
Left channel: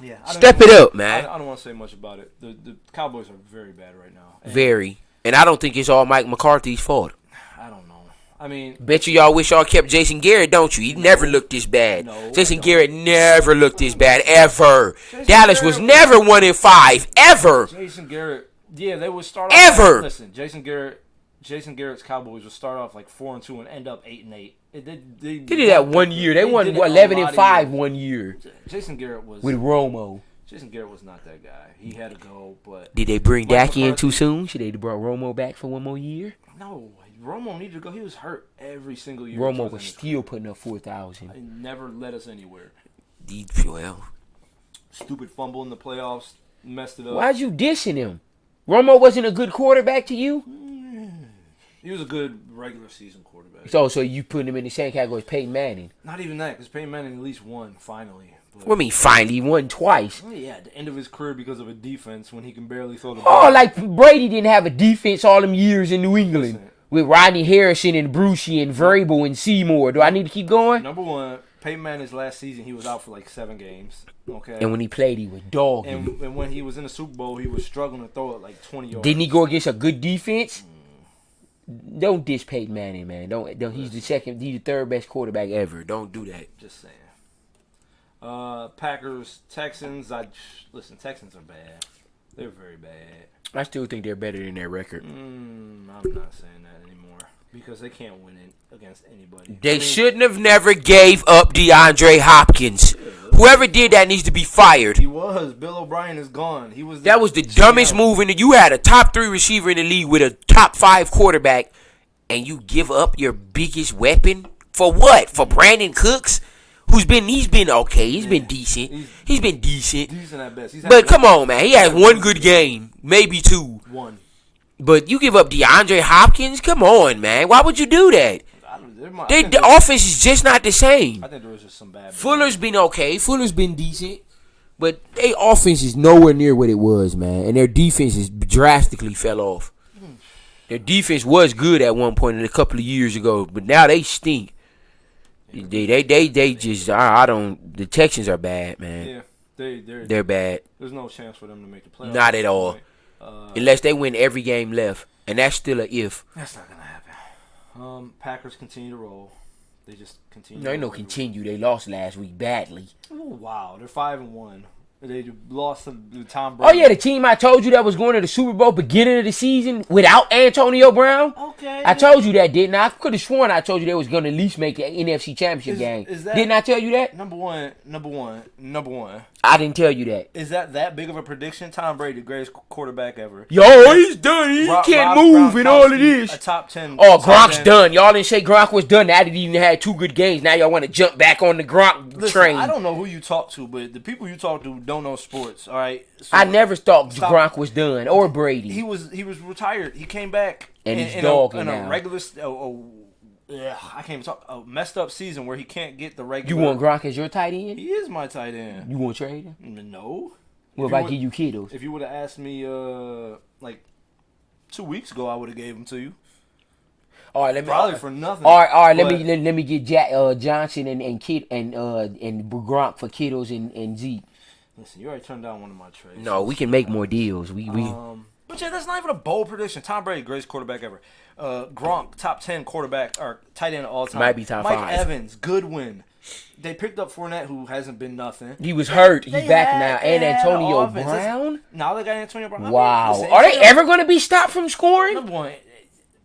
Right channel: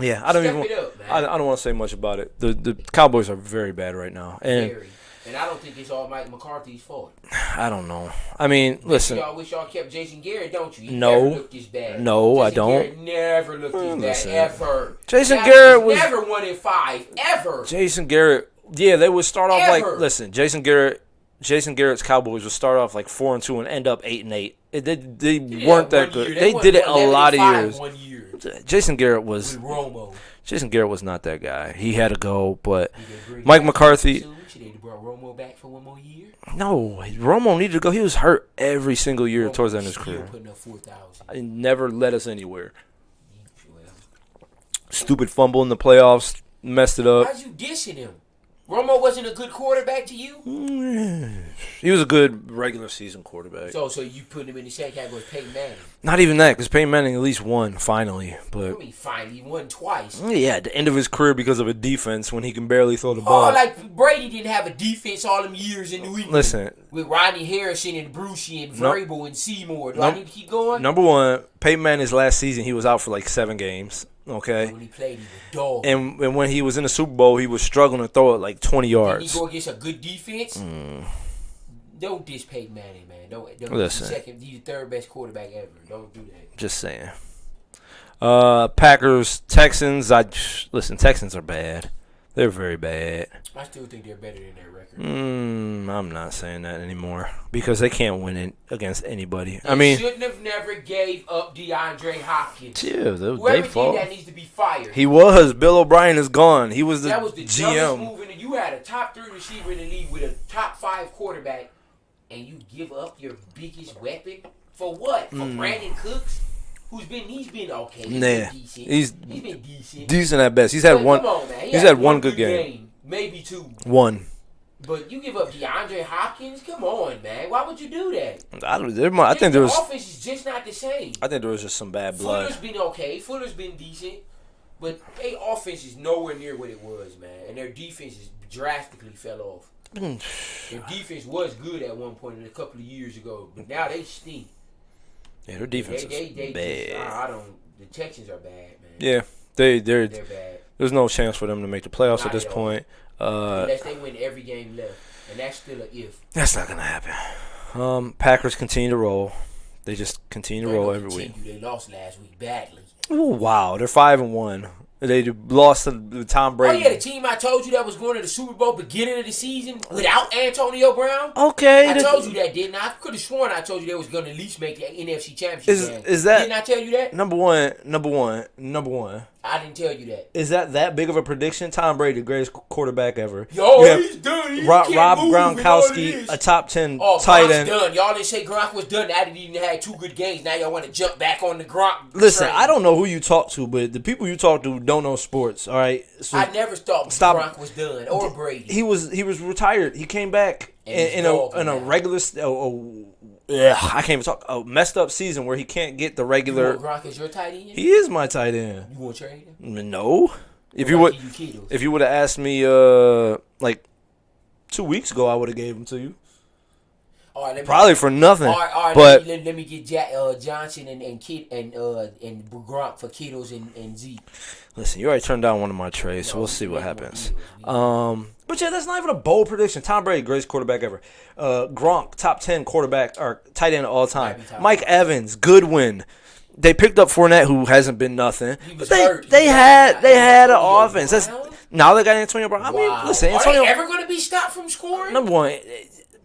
Yeah, Step it up, man. I don't want to say much about it. The Cowboys are very bad right now. And I don't think it's all Mike McCarthy's fault. I don't know. I mean, bet you y'all wish y'all kept Jason Garrett, don't you? He never looked this bad. No, Jason I don't. Garrett never looked this bad ever. Dallas was never 1-5 ever. Jason Garrett, yeah, they would start off ever. Listen, Jason Garrett's Cowboys would start off like 4-2 and end up 8-8. They did that 1 year. They won 11-5 1 year. Jason Garrett was with Romo. Jason Garrett was not that guy. He had to go, but did they bring Mike Dak McCarthy in too soon? Should they have brought Romo back for 1 more year? No, Romo needed to go. He was hurt every single year Romo towards the end of his still career. Putting up 4,000. He never led us anywhere. Well, stupid fumble in the playoffs, messed it up. Why'd you dissing him? Romo wasn't a good quarterback to you? He was a good regular season quarterback. So you putting him in the same category as Peyton Manning? Not even that, because Peyton Manning at least won finally. But what do you mean finally? He won twice. Yeah, at the end of his career because of a defense when he can barely throw the ball. Oh, like Brady didn't have a defense all them years in New England. Listen. With Rodney Harrison and Brucey and Vrabel and Seymour. Do I need to keep going? Number one, Peyton Manning's last season, he was out for like 7 games. Okay. And when he played, he was dog. And when he was in the Super Bowl, he was struggling to throw it like 20 yards. Didn't he go against a good defense? Don't diss Peyton Manning, man. Don't. He's the third best quarterback ever. Don't do that. Just saying. Packers, Texans. Texans are bad. They're very bad. I still think they're better than their record. I'm not saying that anymore because they can't win it against anybody. They shouldn't have never gave up DeAndre Hopkins. Yeah, whoever did that needs to be fired. He was. Bill O'Brien is gone. That was the dumbest move in the. You had a top 3 receiver in the league with a top 5 quarterback, and you give up your biggest weapon for what? For Brandon Cooks? He's been okay. He's been decent. He's been decent. Decent at best. Come on, man. He had one good game. Maybe 2. One. But you give up DeAndre Hopkins? Come on, man. Why would you do that? The offense is just not the same. I think there was just some bad blood. Fuller's been okay. Fuller's been decent. But their offense is nowhere near what it was, man. And their defense has drastically fell off. Their defense was good at one point a couple of years ago. But now they stink. Yeah, they just the Texans are bad, man. Yeah, they're bad. There's no chance for them to make the playoffs. Not at this all. Point. Unless they win every game left, and that's still a if. That's not gonna happen. Packers continue to roll. They just continue to roll every week. They lost last week badly. Oh wow, they're 5-1. They lost to Tom Brady. Oh yeah, the team I told you that was going to the Super Bowl beginning of the season without Antonio Brown. Okay, I told you that, didn't I? I could have sworn I told you they was going to at least make the NFC Championship game. Didn't I tell you that? Number one. I didn't tell you that. Is that big of a prediction? Tom Brady, the greatest quarterback ever. He's done. He can't move in all of this. A top 10. Oh, Gronk's done. Y'all didn't say Gronk was done. Now that he even had 2 good games. Now y'all want to jump back on the Gronk train. I don't know who you talk to, but the people you talk to don't know sports. All right. So I never thought Gronk was done or Brady. He was retired. He came back in a regular. I can't even talk. A messed up season where he can't get the regular. You want Gronk as your tight end? He is my tight end. You want to trade him? No. If you would have asked me like 2 weeks ago, I would have gave him to you. All right, probably for nothing. All right. Let me get Johnson and Gronk for Kittles and Zeke. Listen, you already turned down one of my trades. No, we can make more deals. But yeah, that's not even a bold prediction. Tom Brady, greatest quarterback ever. Gronk, top 10 quarterback or tight end of all time. Might be top Mike 5. Evans, Goodwin. They picked up Fournette, who hasn't been nothing. He was hurt. They had an offense. Now they got Antonio Brown. Wow. Are they ever going to be stopped from scoring? Number one,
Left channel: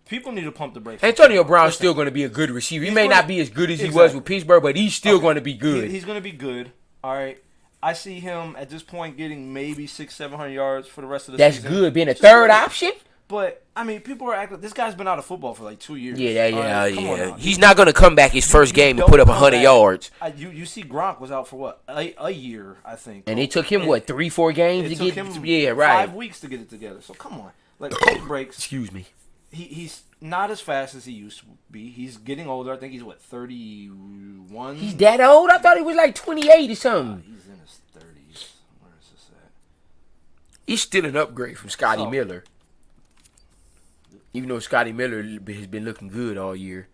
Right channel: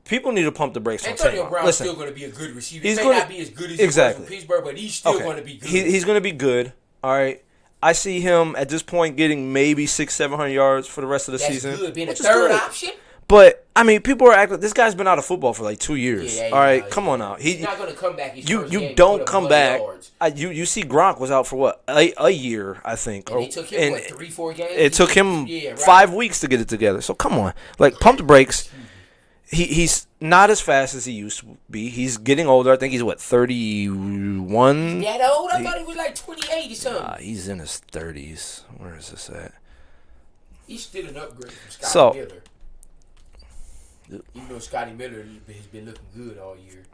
people need to pump the brakes. Antonio Brown's still going to be a good receiver. He may not be as good as he was with Pittsburgh, but he's still going to be good. He's going to be good. All right. I see him at this point getting maybe 600-700 yards for the rest of the season. That's good. Being a third option? But, I mean, people are acting. This guy's been out of football for like 2 years. All right, come on now. He's not going to come back his first game and put up 100 yards. You see Gronk was out for what? A year, I think. And it took him, 3-4 games? It took him 5 weeks to get it together. So, come on. Like, pump the brakes. Excuse me. He's not as fast as he used to be. He's getting older. I think he's, 31? He's that old? I thought he was like 28 or something. He's in his 30s. Where is this at? He's still an upgrade from Scotty Miller. Even though Scotty Miller has been looking good all year.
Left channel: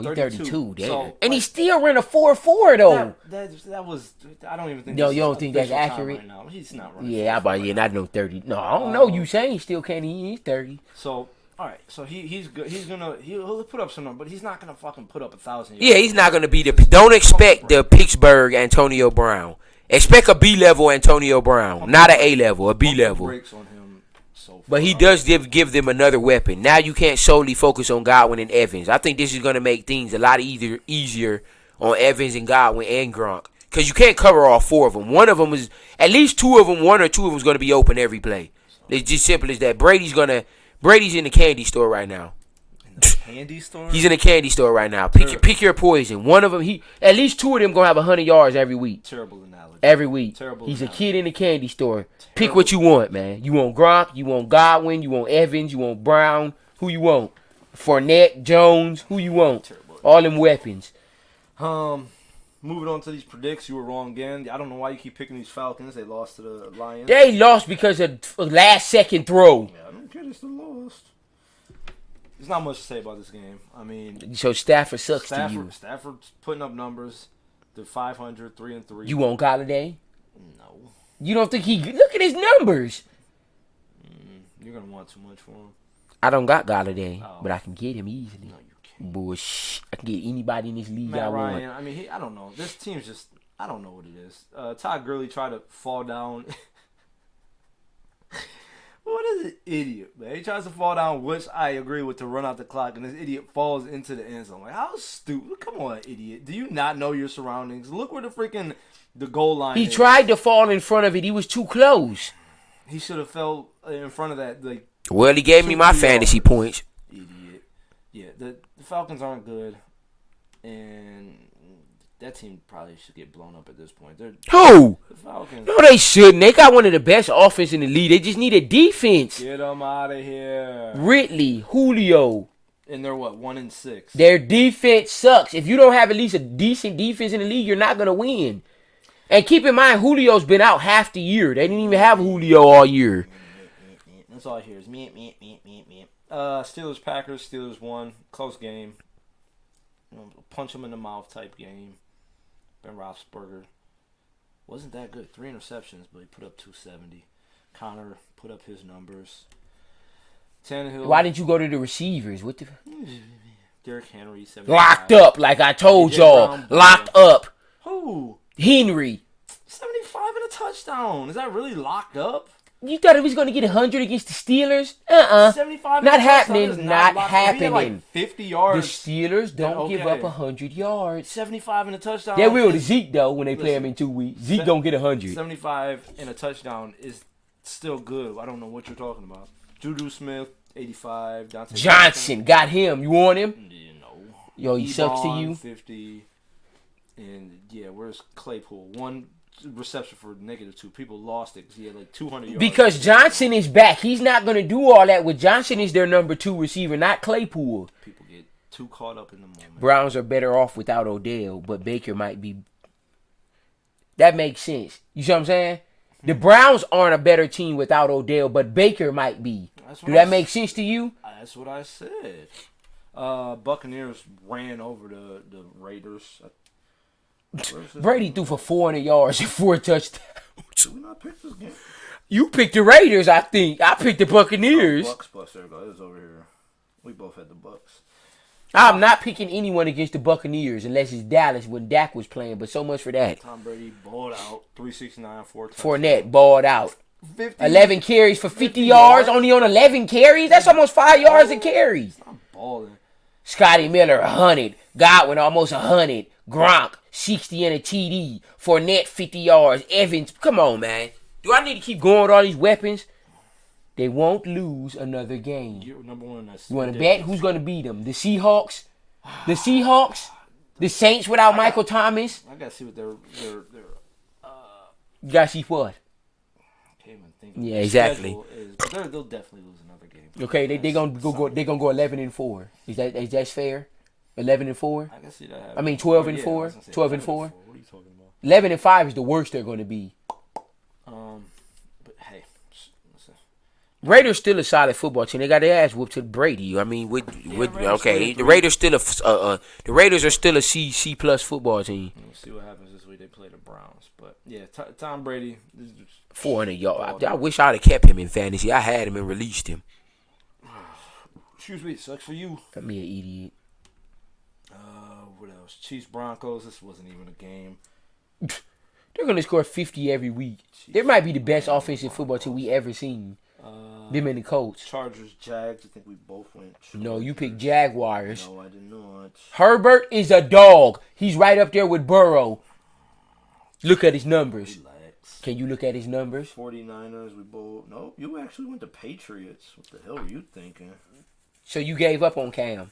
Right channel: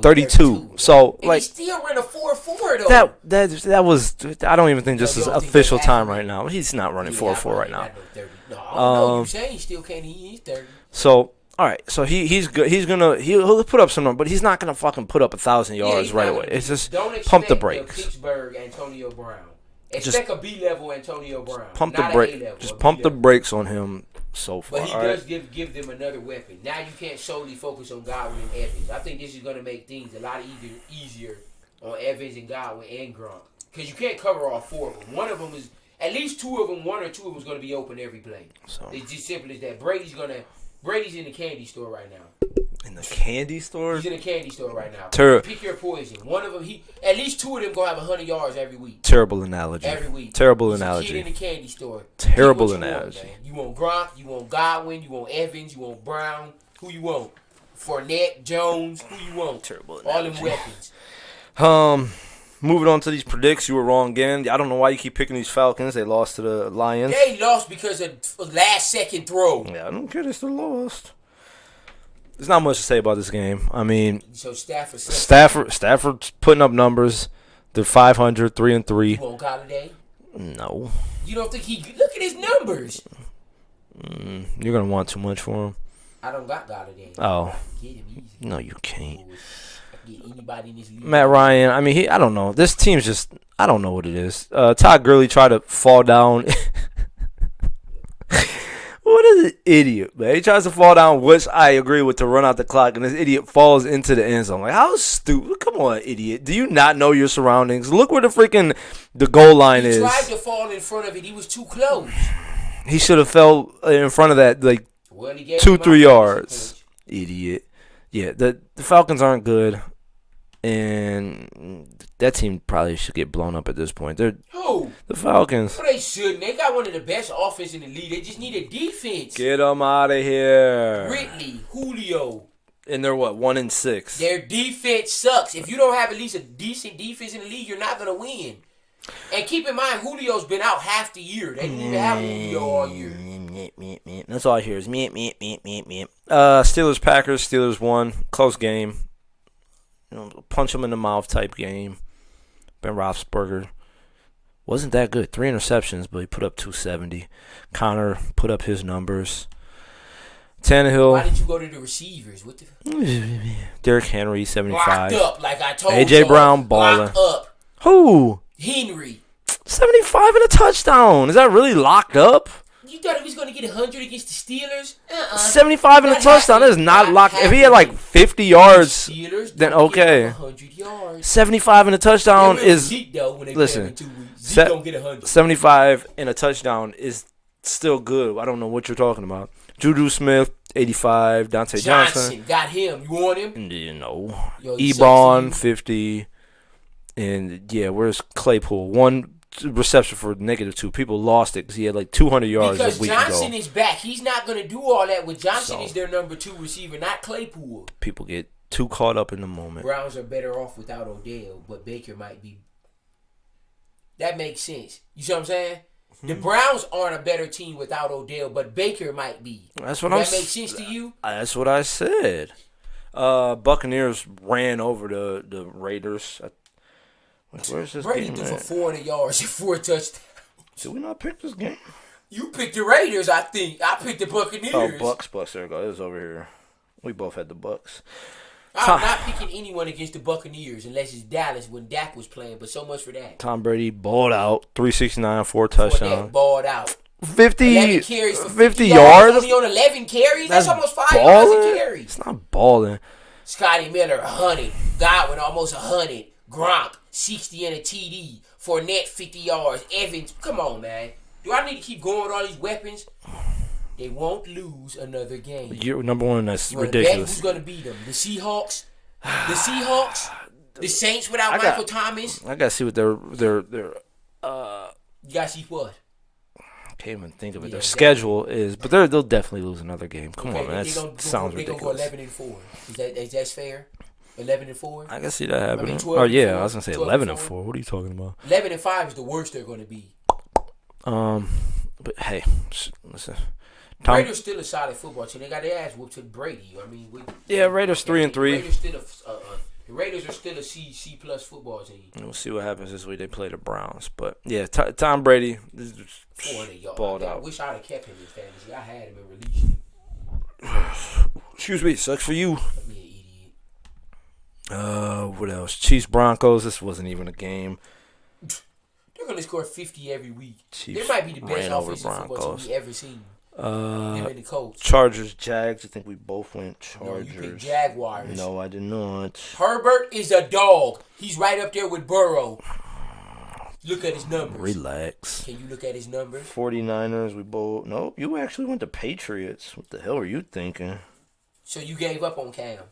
32. So, and he still ran a 4.4 though. That was. I don't even think this is official time right now. He's not running 4.4 right now. I know 30. No, I don't know. You saying he still can't? He's 30. So. All right, so he's good. He'll put up some numbers, but he's not gonna fucking put up 1,000 yards. Yeah, he's not gonna be the. Don't expect the Pittsburgh Antonio Brown. Expect a B-level Antonio Brown, not an A-level, a B-level. Pump the brakes on him so far. But he does give them another weapon. Now you can't solely focus on Godwin and Evans. I think this is gonna make things a lot easier on Evans and Godwin and Gronk, because you can't cover all 4 of them. One of them is at least 2 of them. 1 or 2 of them is gonna be open every play. It's just simple as that. Brady's in the candy store right now. In the candy store? He's in the candy store right now. Pick your poison. One of them, at least 2 of them gonna have 100 yards every week. Terrible analogy. Every week. Terrible analogy. He's a kid in the candy store. Terrible Pick what you analogy. want, man. You want Gronk, you want Godwin, you want Evans, you want Brown. Who you want? Fournette, Jones. Who you want? Terrible analogy. All them weapons. Moving on to these predicts, you were wrong again. I don't know why you keep picking these Falcons. They lost to the Lions. They lost because of last second throw. Yeah, I don't care. They still lost. There's not much to say about this game. I mean, so Stafford's putting up numbers. They're 500, 3-3. You want Galladay? No. You don't think look at his numbers? You're gonna want too much for him. I don't got Galladay, Oh. but I can get him easy. No, you can't. Bush. I can get anybody in this league. Matt Ryan. I mean, I don't know. This team's just. I don't know what it is. Todd Gurley tried to fall down. What is an idiot, man? He tries to fall down, which I agree with, to run out the clock, and this idiot falls into the end zone. Like, how stupid? Come on, idiot. Do you not know your surroundings? Look where the goal line is. He tried to fall in front of it. He was too close. He should have fell in front of that, like, Well, he gave 2, me my 3 fantasy yards. points. Idiot. Yeah, the Falcons aren't good, and that team probably should get blown up at this point. They're Who? the Falcons. No, they shouldn't. They got one of the best offense in the league. They just need a defense. Get them out of here. Ridley, Julio. And they're what, 1-6. Their defense sucks. If you don't have at least a decent defense in the league, you're not going to win. And keep in mind, Julio's been out half the year. They didn't even have Julio all year. That's all I hear is meep. Steelers, Packers. Steelers won. Close game. Punch them in the mouth type game. Ben Roethlisberger wasn't that good. 3 interceptions, but he put up 270. Connor put up his numbers. Tannehill. Why didn't you go to the receivers? What the? Derrick Henry, 75. Locked up, like I told A.J. y'all. Brown, baller. Locked up. Who? Henry. 75 and a touchdown. Is that really locked up? You thought he was going to get 100 against the Steelers? 75 and a Not touchdown. That is happening. not Not locked. If he had like happening. 50 The yards, Steelers then don't okay. give up 100 yards. 75 and a Yeah, touchdown we is Zeke, though, when they play him in 2 weeks. Zeke don't get 100. 75 and a touchdown is still good. I don't know what you're talking about. Juju Smith, 85. Dante Johnson got him. You want him? You know. Yo, he sucks to Ebron, you. 50. And, yeah, where's Claypool? 1 reception for -2. People lost it because he had like 200 yards. Because a week Johnson ago. is back. He's not going to do all that. With Johnson is their number 2 receiver, not Claypool. People get too caught up in the moment. Browns are better off without Odell, but Baker might be. That makes sense. You see what I'm saying? The Browns aren't a better team without Odell, but Baker might be. That's what Does that make sense to you? That's what I said. Buccaneers ran over the Raiders. Where's this Brady game threw at? for 400 yards and 4 touchdowns. Did we not pick this game? You picked the Raiders, I think. I picked the Buccaneers. Oh, Bucks. There we go. It was over here. We both had the Bucks. I'm not picking anyone against the Buccaneers unless it's Dallas when Dak was playing, but so much for that. Tom Brady balled out. 369, 4 touchdowns. Fournette balled out. 50. 11 carries for 50 yards. Only on 11 carries? That's almost 5 yards a carry. It's not balling. Scotty Miller, 100. Godwin, almost 100. Gronk, 60 and a TD. Fournette, 50 yards. Evans, come on, man. Do I need to keep going with all these weapons? They won't lose another game. You're number one. That's You want to ridiculous. bet who's going to beat them? The Seahawks? The Seahawks? The Saints without Michael Thomas? I gotta see what their You got to see what? can't even think of what Yeah, their exactly. schedule is, but they'll definitely lose another game. Come Okay, on, they're that gonna sounds go ridiculous. 11-4. Is that fair? 11-4. I can see that happening. I mean, 12 Oh and yeah, 4, I was gonna say 12 and 11-4. 4. What are you talking about? 11-5 is the worst they're going to be. But hey, listen. Raiders still a solid football team. They got their ass whooped to Brady. I mean, Raiders 3-3. The Raiders still the Raiders are still a C plus football team. We'll see what happens this week. They play the Browns, but yeah, Tom Brady. 400 yards. Balled I out. wish I'd have kept him in fantasy. I had him and released him. Excuse me, sucks for you. Let me an idiot. What else? Chiefs Broncos. This wasn't even a game. They're gonna score 50 every week. Chiefs They might be the best ran over offensive football team Broncos. we ever seen. Them and the Colts. Chargers, Jags. I think we both went Chargers. No, you picked Jaguars. No, I did not. Herbert is a dog. He's right up there with Burrow. Look at his numbers. Relax. Can you look at his numbers? 49ers, we both. Nope, you actually went to Patriots. What the hell are you thinking? So you gave up on Cam.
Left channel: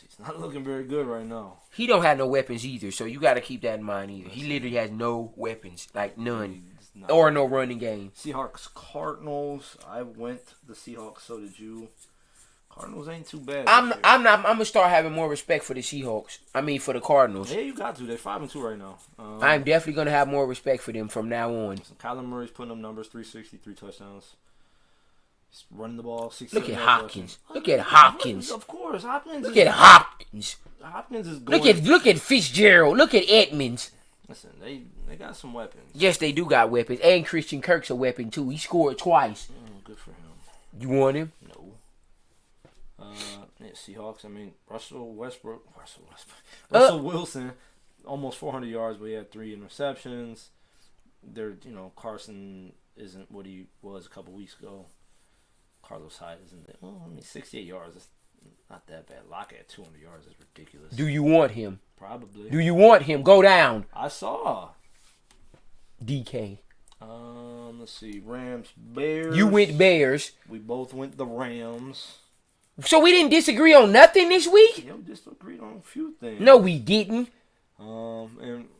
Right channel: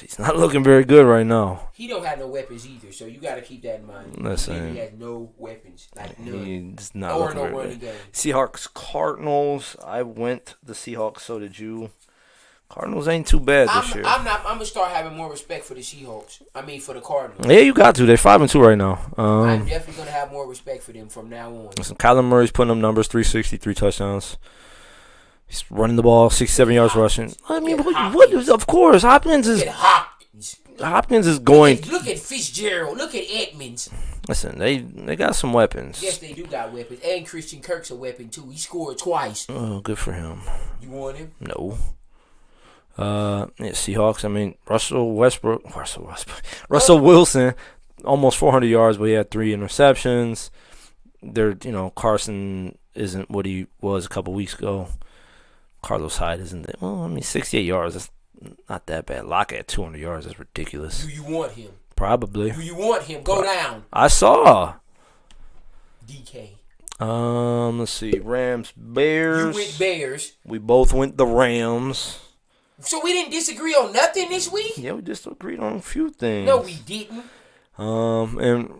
He's not looking very good right now. He don't have no weapons either, so you got to keep that in mind. Listen. He literally has no weapons, like none, He's not or looking no very running good. game. Seahawks, Cardinals. I went the Seahawks, so did you. Cardinals ain't too bad this year. I'm gonna start having more respect for the Seahawks. I mean, for the Cardinals. Yeah, you got to. They're 5-2 right now. I'm definitely gonna have more respect for them from now on. Listen, Kyler Murray's putting up numbers, 363 touchdowns. He's running the ball, 67 yards rushing. Look at Hopkins. Of course, Hopkins Look at Hopkins. is going. Look at Fitzgerald. Look at Edmonds. Listen, they got some weapons. Yes, they do got weapons, and Christian Kirk's a weapon too. He scored twice. Oh, good for him. You want him? No. Seahawks. I mean, Russell Wilson, almost 400 yards, but he had 3 interceptions. Carson isn't what he was a couple weeks ago. Carlos Hyde isn't that. Well, I mean, 68 yards. That's not that bad. Lockett at 200 yards. That's ridiculous. Do you want him? Probably. Do you want him? Go down. I saw. DK. Let's see. Rams, Bears. You went Bears. We both went the Rams. So we didn't disagree on nothing this week? Yeah, we just agreed on a few things. No, we didn't. And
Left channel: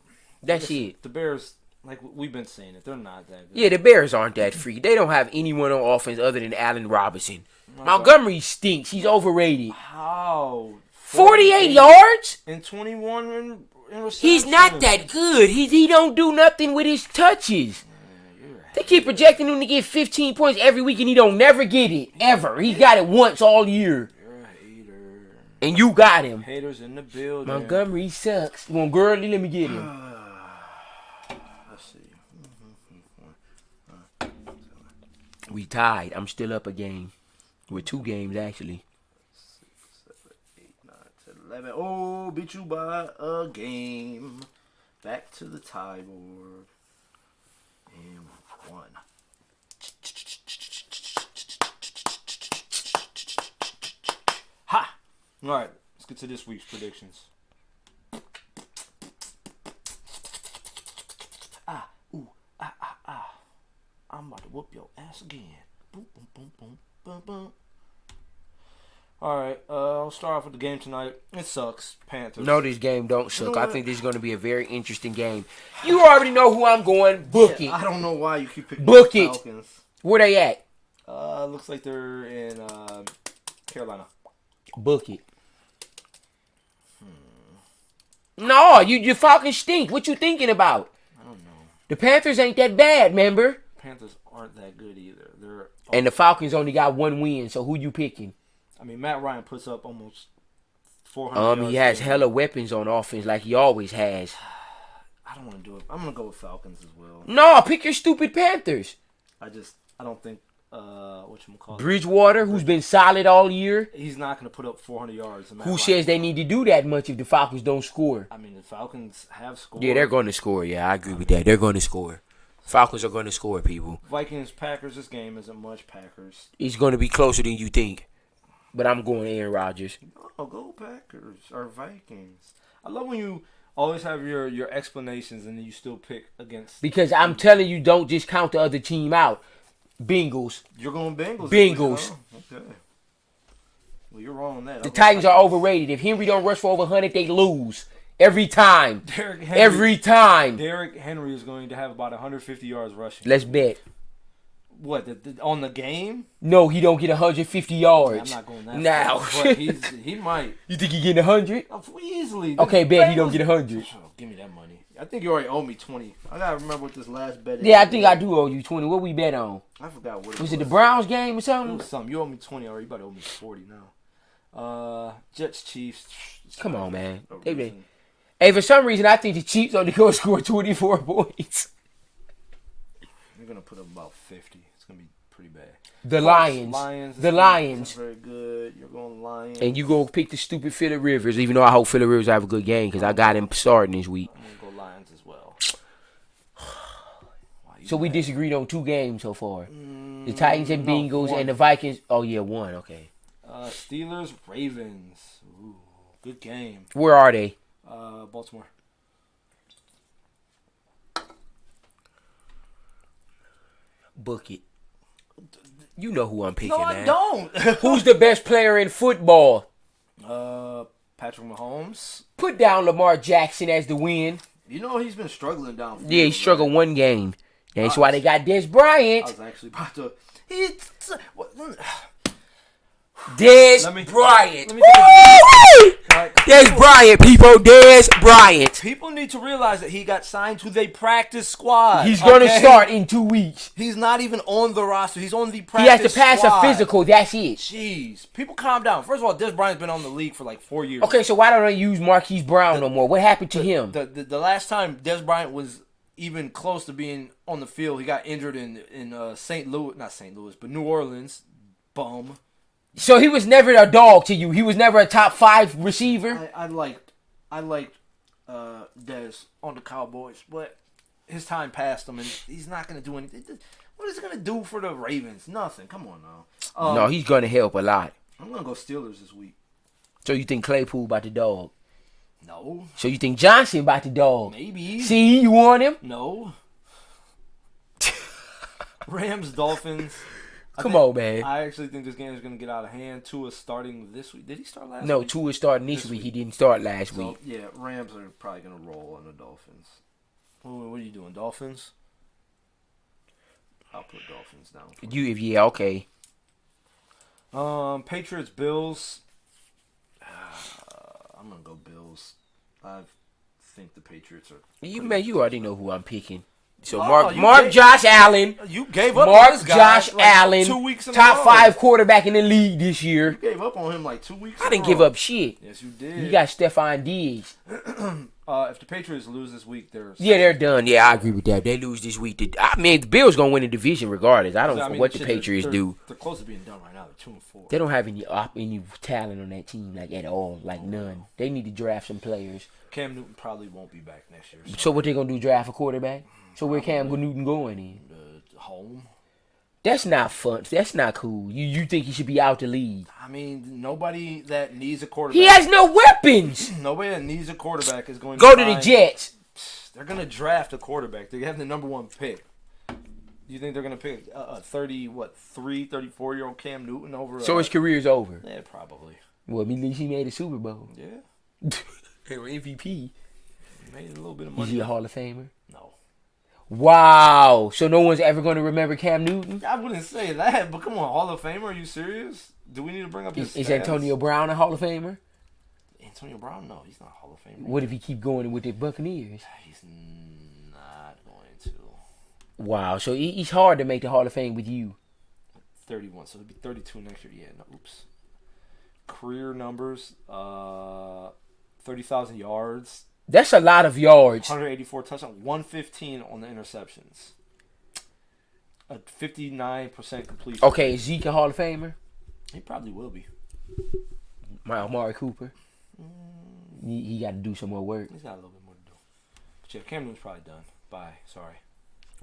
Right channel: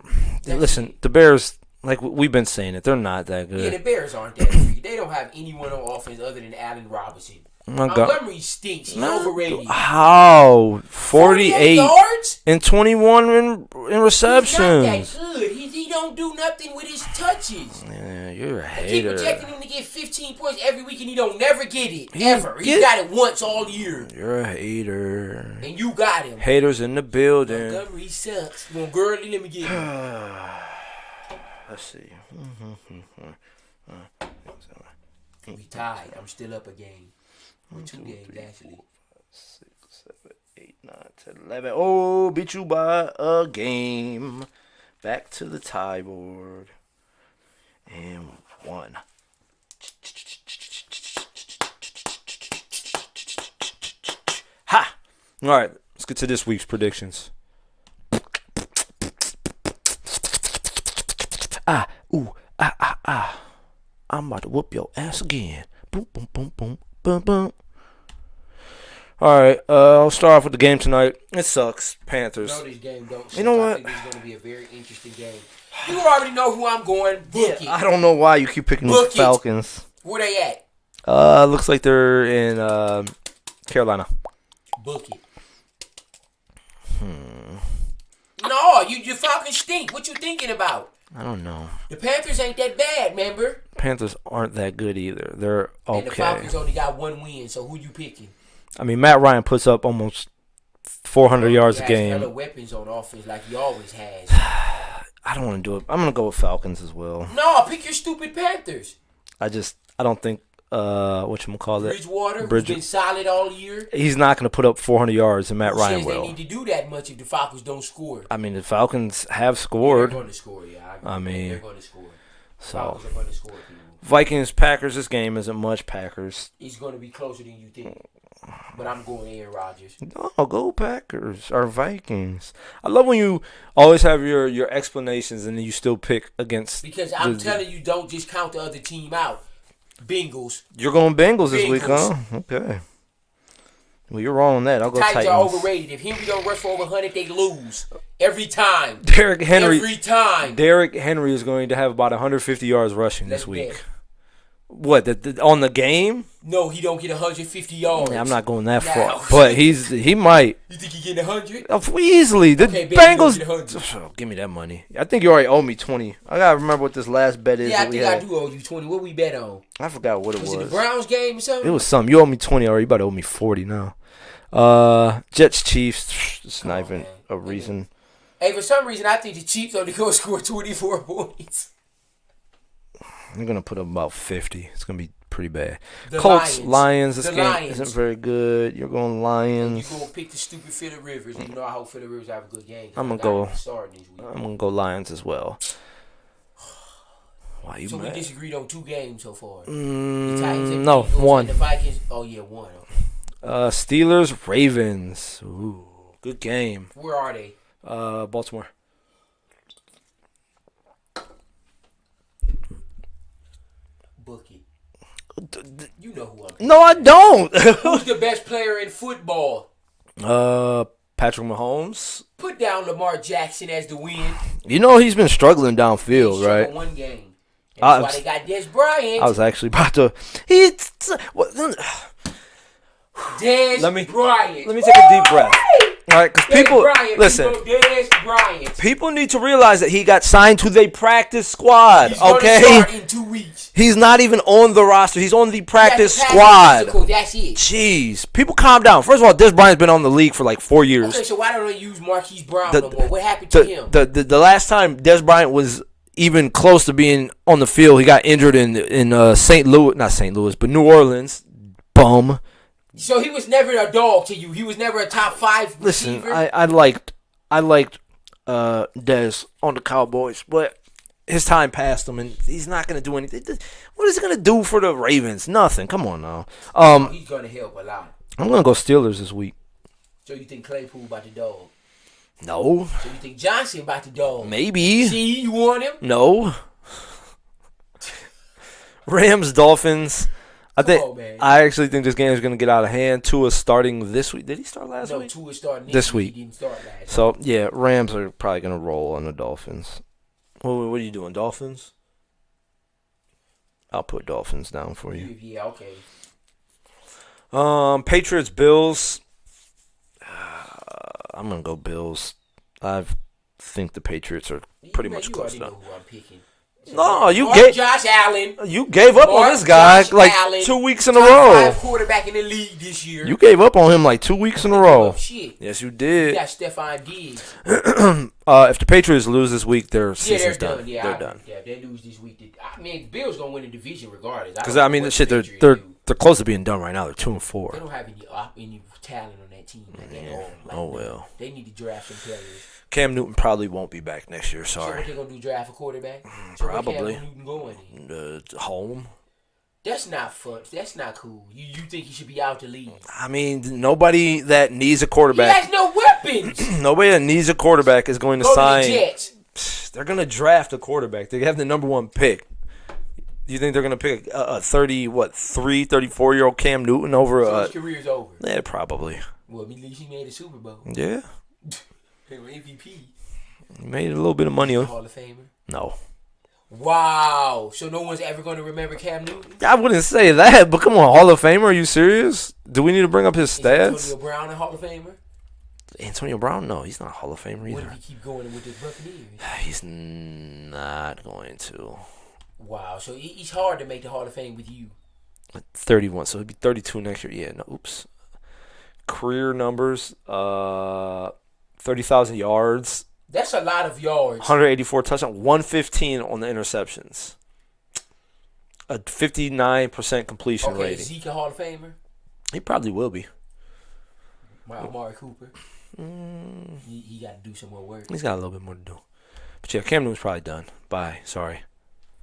That's listen, it. the Bears, like we've been saying it, they're not that good. Yeah, the Bears aren't that freaky. They don't have anyone on offense other than Allen Robinson. Montgomery stinks. He's overrated. How? 48 yards? And 21 in receptions. He's not that good. He don't do nothing with his touches. Yeah, you're a They hater. keep projecting him to get 15 points every week, and he don't never get it. Ever. He got it once all year. You're a hater. And you got him. Haters in the building. Montgomery sucks. You want Gurley? Let me get him. Let's see. We tied. I'm still up a game. With 2 games, actually. 6, 7, 8, 9, 10, 11. Oh, beat you by a game. Back to the tie board. And 1. Ha! All right, let's get to this week's predictions. I'm about to whoop your ass again. Boom, boom, boom, boom, boom, boom. All right, I'll start off with the game tonight. It sucks. Panthers. No, this game don't suck. You know what? I think this is going to be a very interesting game. You already know who I'm going. Book it. I don't know why you keep picking the Book it. Falcons. Where they at? Looks like they're in Carolina. Book it. No, your Falcons stink. What you thinking about? I don't know. The Panthers ain't that bad, remember? Panthers aren't that good either. They're okay. And the Falcons only got 1 win, so who you picking? I mean, Matt Ryan puts up almost 400 yards a He has game. hella weapons on offense like he always has. I don't want to do it. I'm going to go with Falcons as well. No, pick your stupid Panthers. I don't think, whatchamacallit. Bridgewater, who's been solid all year. He's not going to put up 400 yards, and Matt Who Ryan says will. they need to do that much if the Falcons don't score? I mean, the Falcons have Yeah, scored. they're going to score. Yeah, I agree with that. They're going to score. Falcons are going to score, people. Vikings, Packers, this game isn't much Packers. It's going to be closer than you think. But I'm going Aaron Rodgers. Oh, go Packers or Vikings. I love when you always have your explanations and then you still pick against. Because I'm telling you, don't just count the other team out. Bengals. You're going Bengals this week, Bengals. huh? Okay. Well, you're wrong on that. The Titans are overrated. If Henry don't rush for over 100, they lose. Every time. Derrick Henry. Every time. Derrick Henry is going to have about 150 yards rushing Let's this week. bet. What, on the game? No, he don't get 150 yards. Yeah, I'm not going that No. far. But he might. You think he getting 100? Easily. The Okay, bet he don't Bengals. get 100. Oh, give me that money. I think you already owe me 20. I got to remember what this last bet is. Yeah, I that we think I had. do owe you 20. What we bet on? I forgot what it was. Was it the Browns game or something? It was something. You owe me 20 already. You about to owe me 40 now. Jets, Chiefs. It's Come not on, even man. a reason. Hey, for some reason, I think the Chiefs are going to score 24 points. They're going to put up about 50. It's going to be pretty bad. The Colts, Lions. Lions. This The game Lions. isn't very good. You're going Lions. And you go pick the stupid Phillip Rivers, even though I hope Phillip Rivers have a good game because I I'm got gonna him starting this week. I'm going to go Lions as well. Why you So we mad? disagreed on 2 games so far. The Titans and no, Bengals one. and the Vikings. Oh, yeah, 1. Okay. Steelers, Ravens. Ooh, good game. Where are they? Baltimore. Book it. You know who I'm picking. No, I man. don't. Who's the best player in football? Patrick Mahomes. Put down Lamar Jackson as the win. You know he's been struggling They downfield, struggled right? 1 game. That's I why was- they got Des Bryant. I was actually about to. Des Let me- Bryant. Let me take a deep breath. Right, 'cause Des Bryant, listen, people. Des Bryant. people need to realize that he got signed to the practice squad. He's going to okay? start in 2 weeks. He's not even on the roster. He's on the He has practice to pass squad. a physical. That's it. Jeez, people calm down. First of all, Des Bryant's been on the league for like 4 years. Okay, so why don't they use Marquise Brown no more? What happened to him? The last time Des Bryant was even close to being on the field, he got injured in St. Louis, not St. Louis, but New Orleans. Bum. So he was never a dog to you. He was never a top 5 receiver. Listen, I liked Dez on the Cowboys, but his time passed him, and he's not going to do anything. What is he going to do for the Ravens? Nothing. Come on now. No, he's going to help a lot. I'm going to go Steelers this week. So you think Claypool about the dog? No. So you think Johnson about the dog? Maybe. See, you want him? No. Rams, Dolphins. Come on, man. I actually think this game is going to get out of hand. Tua's starting this week. Did he start last week? No, Tua's starting this week. He didn't start last week. So, yeah, Rams are probably going to roll on the Dolphins. What are you doing, Dolphins? I'll put Dolphins down for you. Yeah, okay. Patriots, Bills. I'm going to go Bills. I think the Patriots are pretty much you already know who I'm picking. So Josh Allen. You gave up on this guy like Allen, 2 weeks in a row. Top 5 quarterback in the league this year. You gave up on him like 2 weeks in a row. I didn't give up shit. Yes, you did. You got Stephon Diggs. If the Patriots lose this week, they're done. Yeah, I agree with that. They lose this week. The Bills gonna win the division regardless. I don't know what the Patriots do. They're close to being done right now. They're 2-4. They don't have any talent on that team like at all. Like none. They need to draft some players. Cam Newton probably won't be back next year. Sorry. So what they gonna do? Draft a quarterback? So where Cam Newton going in? Home. That's not fun. That's not cool. You think he should be out the league? I mean, nobody that needs a quarterback. He has no weapons. Nobody that needs a quarterback is going to go sign. to the Jets. They're going to draft a quarterback. They have the number 1 pick. You think they're going to pick a 34-year-old Cam Newton over? So his career's over. Yeah, probably. Well, at least he made a Super Bowl. Yeah. They were MVP. He made a little bit of money. He's a Hall of Famer. No. Wow. So no one's ever going to remember Cam Newton? I wouldn't say that, but come on, Hall of Famer, are you serious? Do we need to bring up his stats? Is Antonio Brown a Hall of Famer? Antonio Brown? No, he's not a Hall of Famer either. What if he keep going with the Buccaneers? He's not going to. Wow. So he's hard to make the Hall of Fame with you. 31, so he'll be 32 next year. Yeah, no, oops. Career numbers, 30,000 yards. That's a lot of yards. 184 touchdowns, 115 on the interceptions. A 59% completion rate. Okay, is Zeke a Hall of Famer? He probably will be. Amari Cooper? He got to do some more work. He's got a little bit more to do. But yeah, Cam Newton's probably done. Bye. Sorry.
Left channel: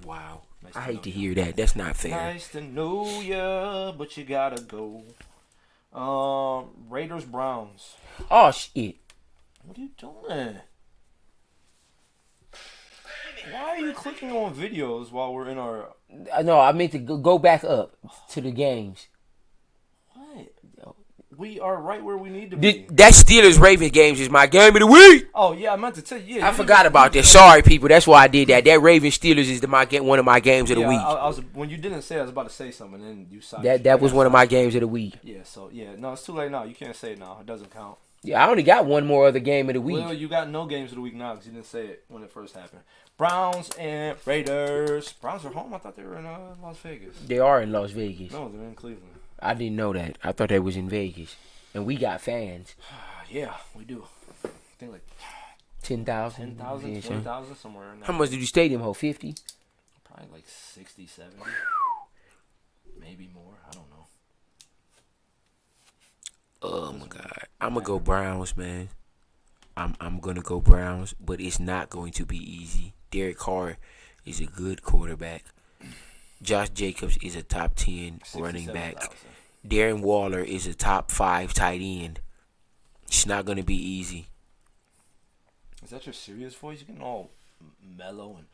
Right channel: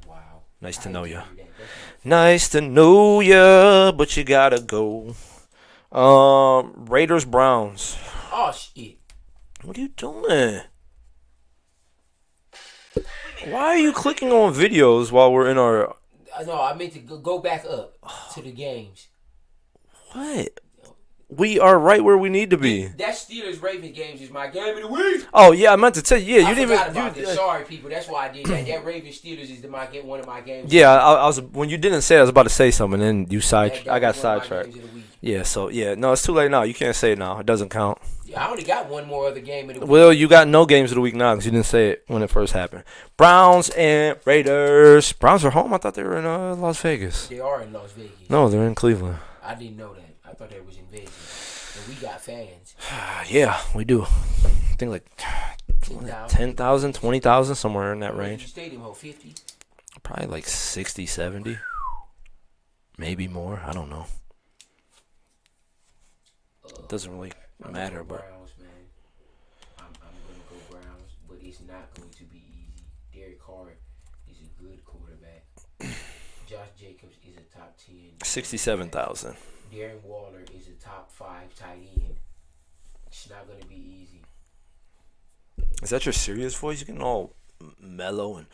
Wow. Nice to know you. I hate to hear that. That's not fair. Nice to know ya, but you gotta go. Raiders, Browns. Oh, shit. What are you doing? Why are you clicking on videos while we're in our... No, I meant to go back up to the games. What? We are right where we need to be. That Steelers-Ravens games is my game of the week. Oh, yeah, I meant to tell you. Yeah, I forgot about that. Sorry, people. That's why I did that. That Ravens-Steelers is one of my games of the week. Yeah, I was when you didn't say it, I was about to say something, and then you side. That was one of my games of the week. Yeah, so, yeah. No, it's too late now. You can't say it now. It doesn't count. Yeah, I only got one more other game of the week. Well, you got no games of the week now because you didn't say it when it first happened. Browns and Raiders. Browns are home? I thought they were in Las Vegas. They are in Las Vegas. No, they're in Cleveland. I didn't know that. I thought they was in Vegas. And we got fans. Yeah, we do. I think like 10,000, 20,000, somewhere in that How much range. did you stadium hold? 50? Probably like 60, 70. Maybe more. I don't know. Doesn't really I'm going to go matter, Browns, man. I'm going to go Browns, but it's not going to be easy. Derek Carr is a good quarterback. Josh Jacobs is a top 10 67,000. Darren Waller is a top 5 tight end. It's not going to be easy. Is that your serious voice? You're getting all mellow and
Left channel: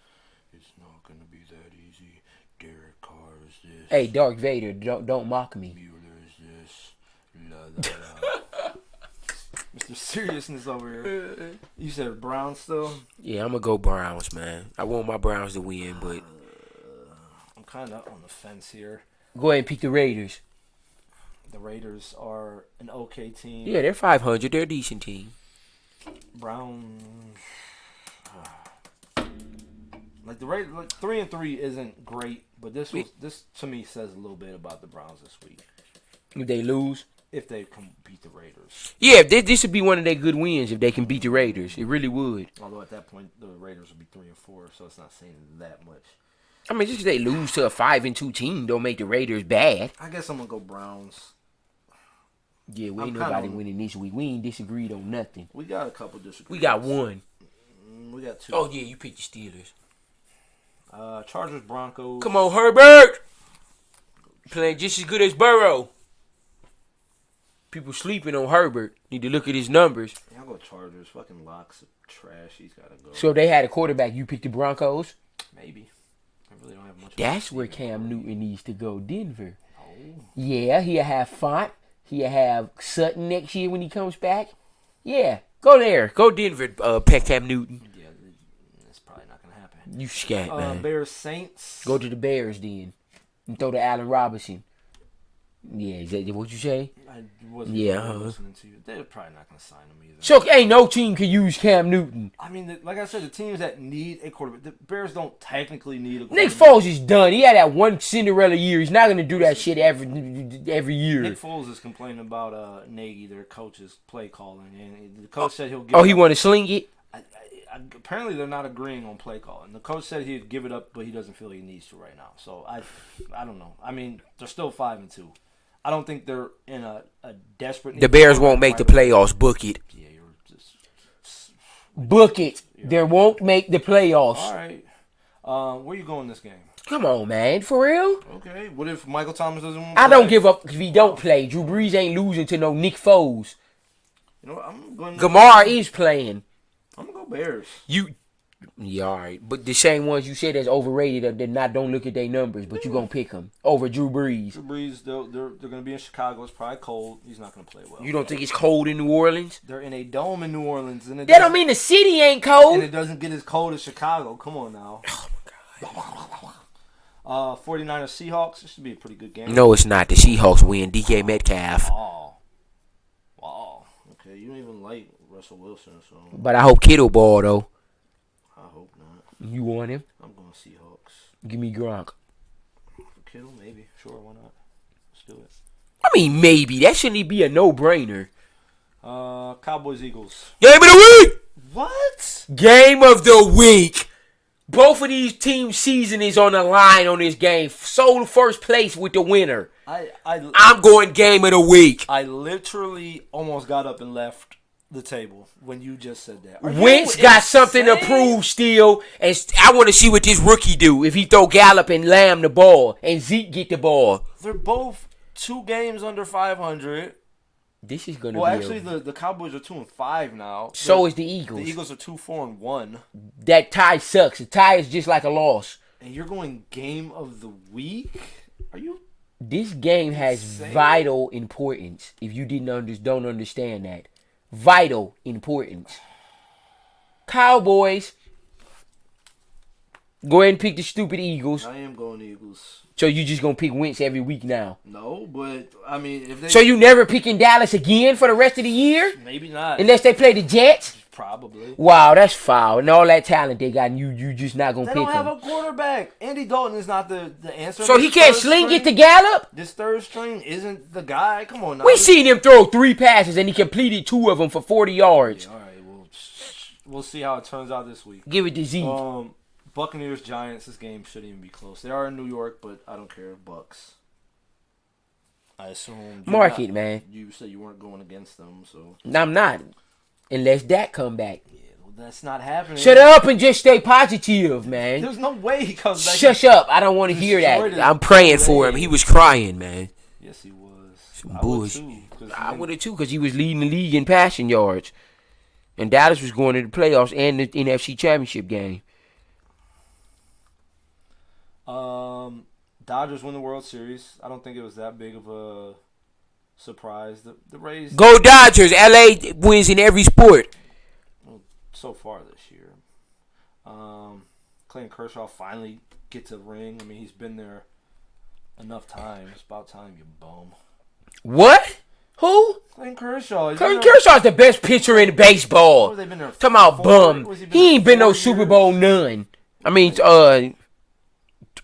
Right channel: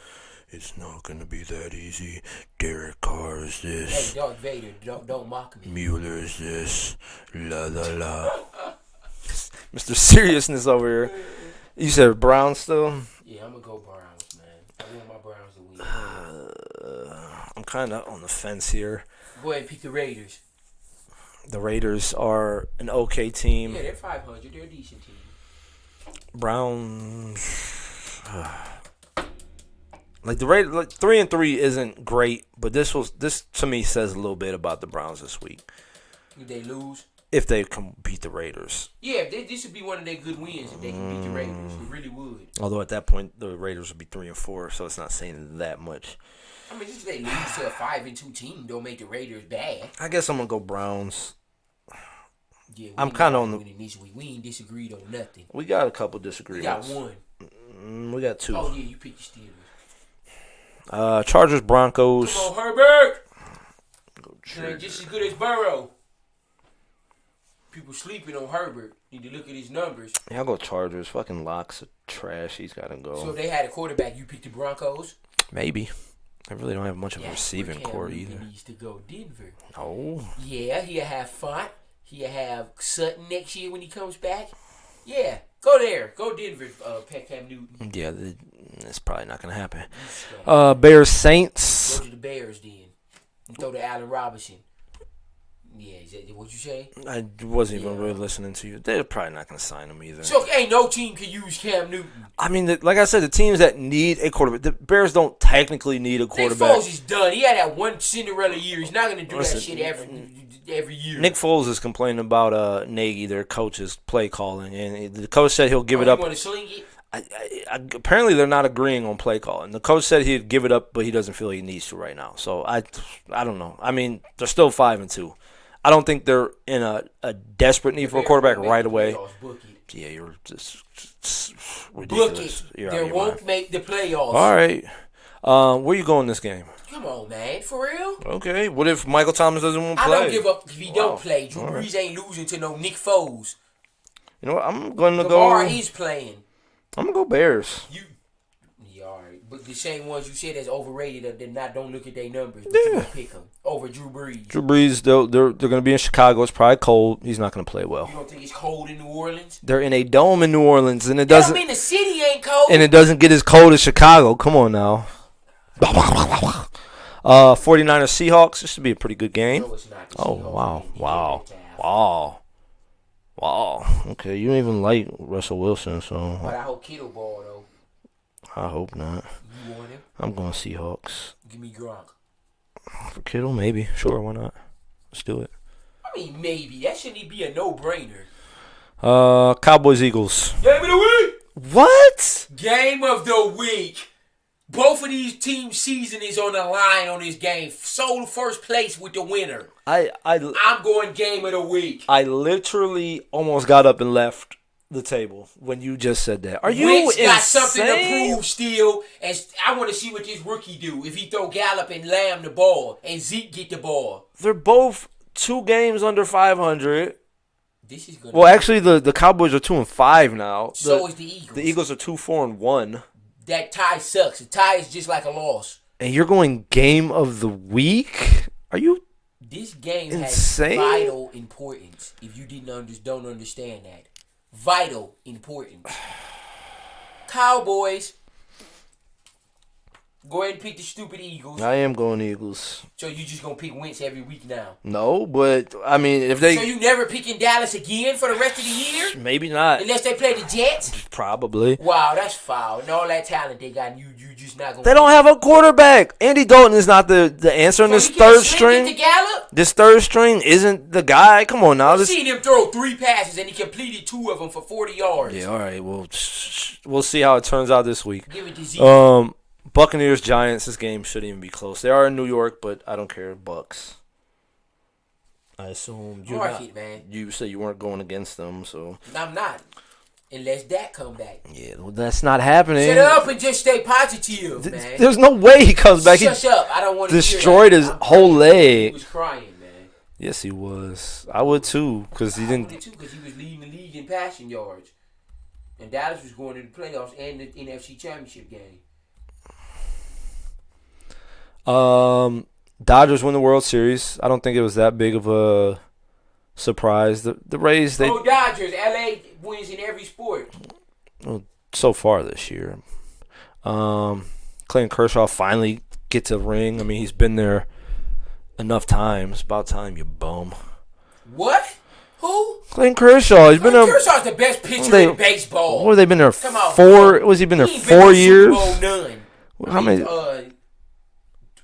it's not going to be that easy. Derek Carr is this. Hey, Darth Vader, don't mock me. Mueller is this. La la la. Mr. Seriousness over here. You said Browns still? Yeah, I'm going to go Browns, man. I want my Browns to win, but I'm kind of on the fence here. Go ahead and pick the Raiders. The Raiders are an okay team. Yeah, they're 500. They're a decent team. Browns, like the Raiders, like 3-3 isn't great, but this to me says a little bit about the Browns this week. If they lose, if they can beat the Raiders, yeah, this would be one of their good wins if they can beat the Raiders. It really would. Although at that point the Raiders would be 3-4, so it's not saying that much. I mean, just because they lose to a 5-2 team don't make the Raiders bad. I guess I'm gonna go Browns. Yeah, we I'm ain't kind of nobody on. winning this week. We ain't disagreed on nothing. We got a couple We disagreements. got one. We got two. Oh yeah, you picked the Steelers. Chargers, Broncos. Come on, Herbert. Playing just as good as Burrow. People sleeping on Herbert. Need to look at his numbers. Yeah, I'll go Chargers. Fucking Locke's trash. He's got to go. So if they had a quarterback, you picked the Broncos. Maybe. I really don't have much of a That's where receiving Cam core Newton either. needs to go. Denver. Oh. Yeah, he'll have Font. He'll have Sutton next year when he comes back. Yeah, go there. Go Denver, Pet Cam Newton. Yeah, it's probably not going to happen. You scat. Bears, Saints. Go to the Bears then. And throw to Allen Robinson. Yeah, is that what you say? I wasn't even really listening to you. They're probably not going to sign him either. So ain't no team can use Cam Newton. I mean, like I said, the teams that need a quarterback, the Bears don't technically need a quarterback. Nick Foles is done. He had that one Cinderella year. He's not going to do that shit every year. Nick Foles is complaining about Nagy, their coach's play calling, and the coach said he'll give it up. Oh, he want to sling it? Apparently, they're not agreeing on play calling. The coach said he'd give it up, but he doesn't feel he needs to right now. So I don't know. I mean, they're still 5-2. I don't think they're in a desperate need. The Bears won't make the playoffs. Book it. Yeah, you're just book it. They won't make the playoffs. All right. Where you going this game? Come on, man. For real? Okay. What if Michael Thomas doesn't want to play? I don't give up if he don't play. Drew Brees ain't losing to no Nick Foles. You know what? I'm going to Gamar is playing. I'm going to go Bears. Yeah, all right. But the same ones you said that's overrated don't look at their numbers, but you going to pick them over Drew Brees. Drew Brees, they're going to be in Chicago. It's probably cold. He's not going to play well. You don't think it's cold in New Orleans? They're in a dome in New Orleans, and it That doesn't don't mean the city ain't cold. and it doesn't get as cold as Chicago. Come on now. 49ers Seahawks. This should be a pretty good game. No, it's not. The Seahawks win. DK Metcalf. Wow. Okay, you don't even like Russell Wilson, so But I hope Kittle ball, though. I hope not. You want him? I'm going Seahawks. Give me Gronk. For Kittle, maybe. Sure, why not? Let's do it. I mean, maybe. That shouldn't be a no-brainer. Cowboys Eagles. Game of the week! What? Game of the week. Both of these teams' season is on the line on this game. Sold first place with the winner. I'm going game of the week. I literally almost got up and left the table when you just said that. Are you Wentz got something to insane? prove still, and I want to see what this rookie do if he throw Gallup and Lamb the ball and Zeke get the ball. They're both 2 games under 500. This is gonna. Well, actually, the Cowboys are 2-5 now. So is the Eagles. The Eagles are 2-4-1. That tie sucks. A tie is just like a loss. And you're going game of the week? Are you? This game Insane. has vital importance. If you don't understand that, vital importance. Cowboys. Go ahead and pick the stupid Eagles. I am going Eagles. So you just gonna pick Wentz every week now? No, but I mean, if they So you never picking Dallas again for the rest of the year? maybe not. Unless they play the Jets? Probably. Wow, that's foul. And all that talent they got, and you just not gonna. They don't have a quarterback. Andy Dalton is not the answer. So in he this can't third sling string. it to Gallup? This third string isn't the guy. Come on now. We seen him throw 3 passes and he completed 2 of them for 40 yards. Yeah, all right. Well, we'll see how it turns out this week. Give it to Zeke. Buccaneers, Giants. This game shouldn't even be close. They are in New York, but I don't care. Bucks. I assume. Mark it, man. You said you weren't going against them, so. No, I'm not. Unless Dak come back. Yeah, well, that's not happening. Shut up and just stay positive, man. There's no way he comes back. Shush up. I don't want to hear Destroyed that. his I'm praying whole for him. leg. He was crying, man. Yes, he was. I would too, because he I didn't. would have too, because he was leading the league in passing yards. And Dallas was going to the playoffs and the NFC Championship game. Dodgers win the World Series. I don't think it was that big of a surprise. The Rays. Go Dodgers. LA wins in every sport. So far this year. Clayton Kershaw finally gets a ring. I mean, he's been there enough times. About time, you bum. What? Who? Clayton Kershaw. He's been Clayton there. Kershaw's the best pitcher in baseball. What have they been there? Come out, four. bum. Was he been He there ain't been 4 no years? Super Bowl none. I mean,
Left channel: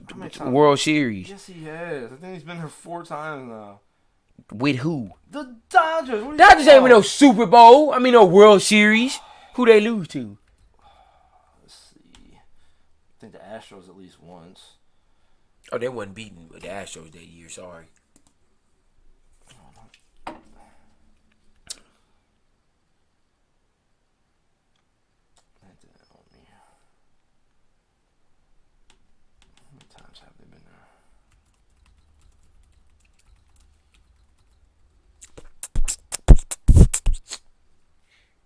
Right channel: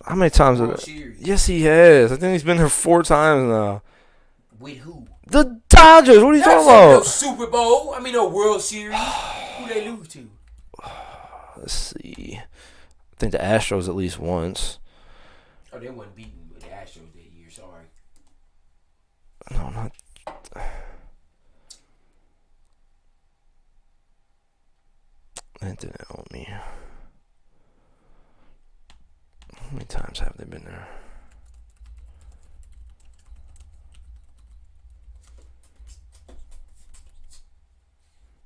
how many times? World Series. Yes, he has. I think he's been there 4 times now. With who? The Dodgers. What are you Dodgers talking ain't about? no Super Bowl. I mean, no World Series. Who they lose to? Let's see. I think the Astros at least once. Oh, they wasn't beaten with the Astros that year. Sorry. No, not. didn't owe me. How many times have they been there?